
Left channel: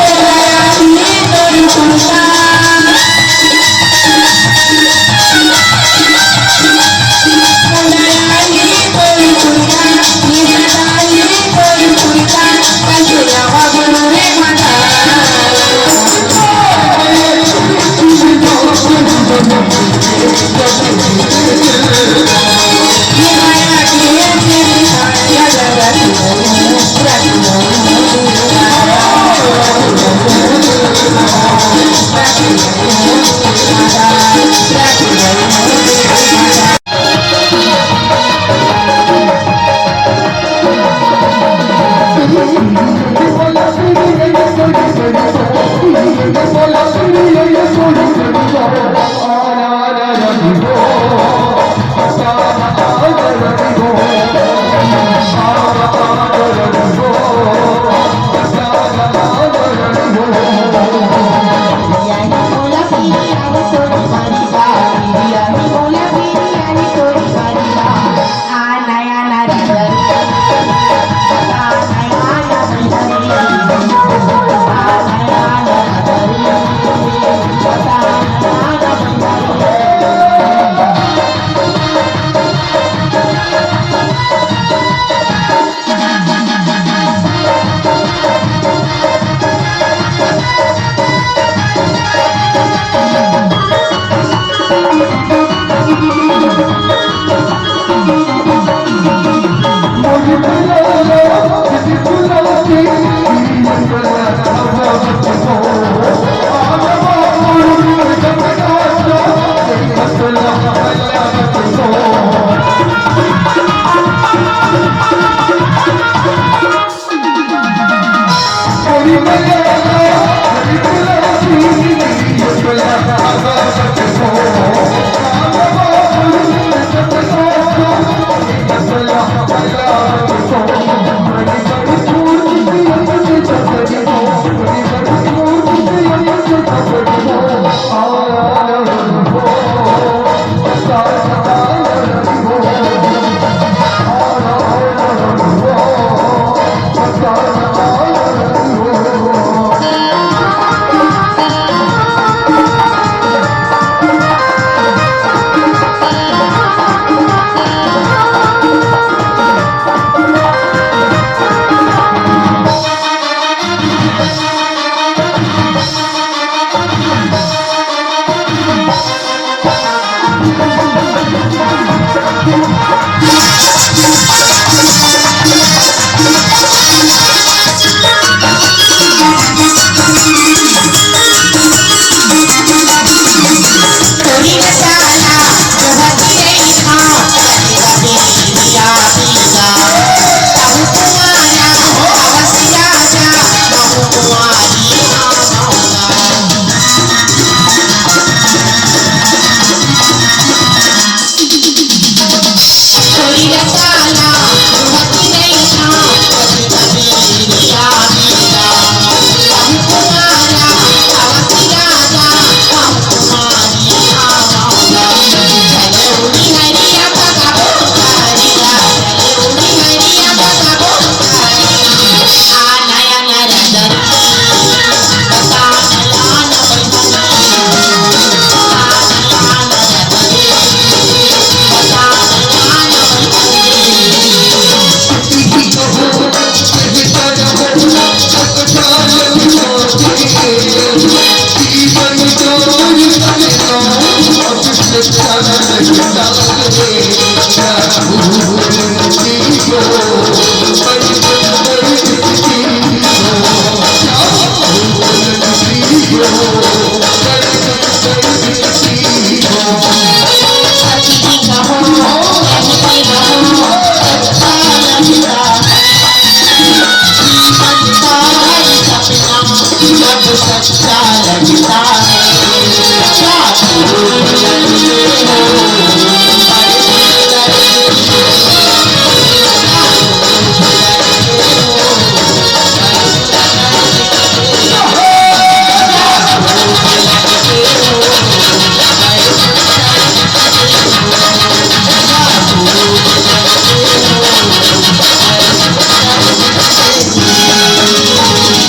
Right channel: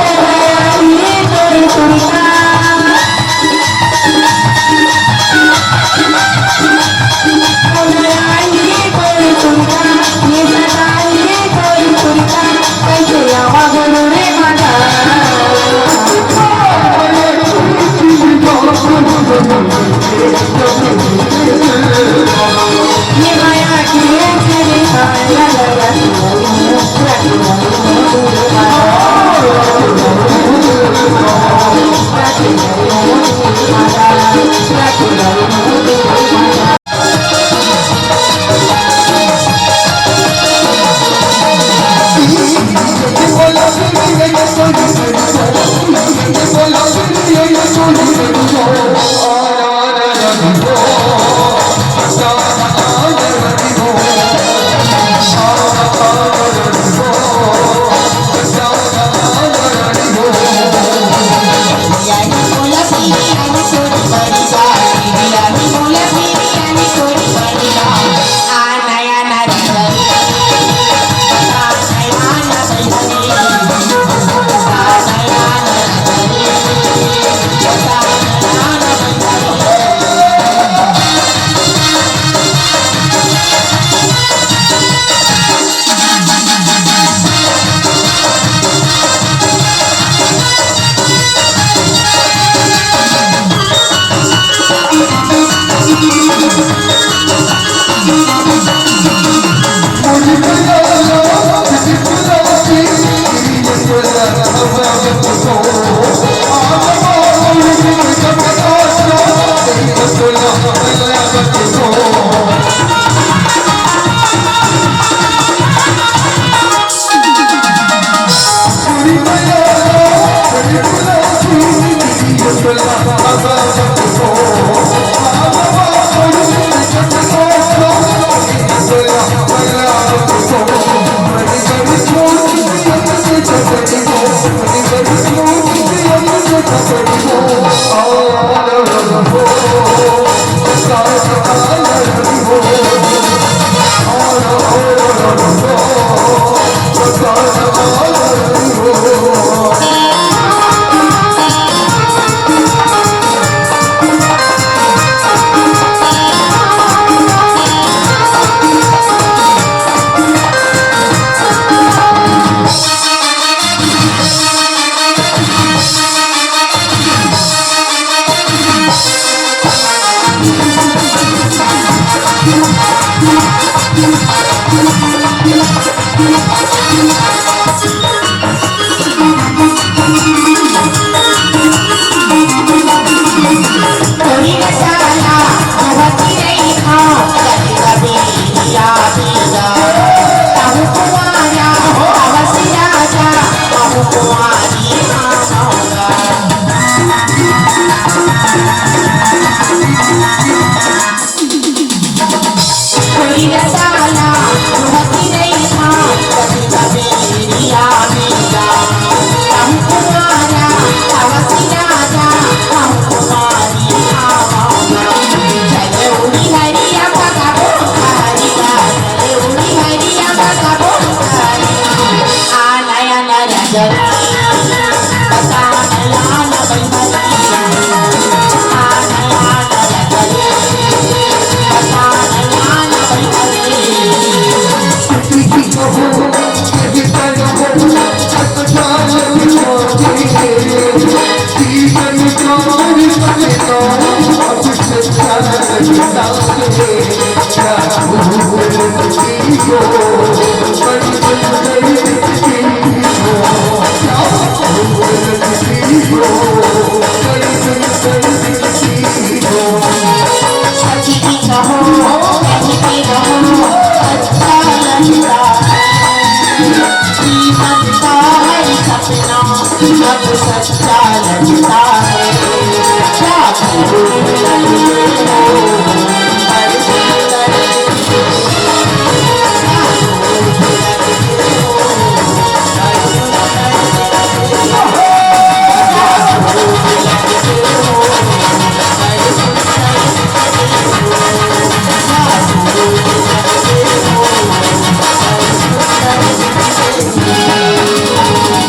Yeah. सच्चा लगता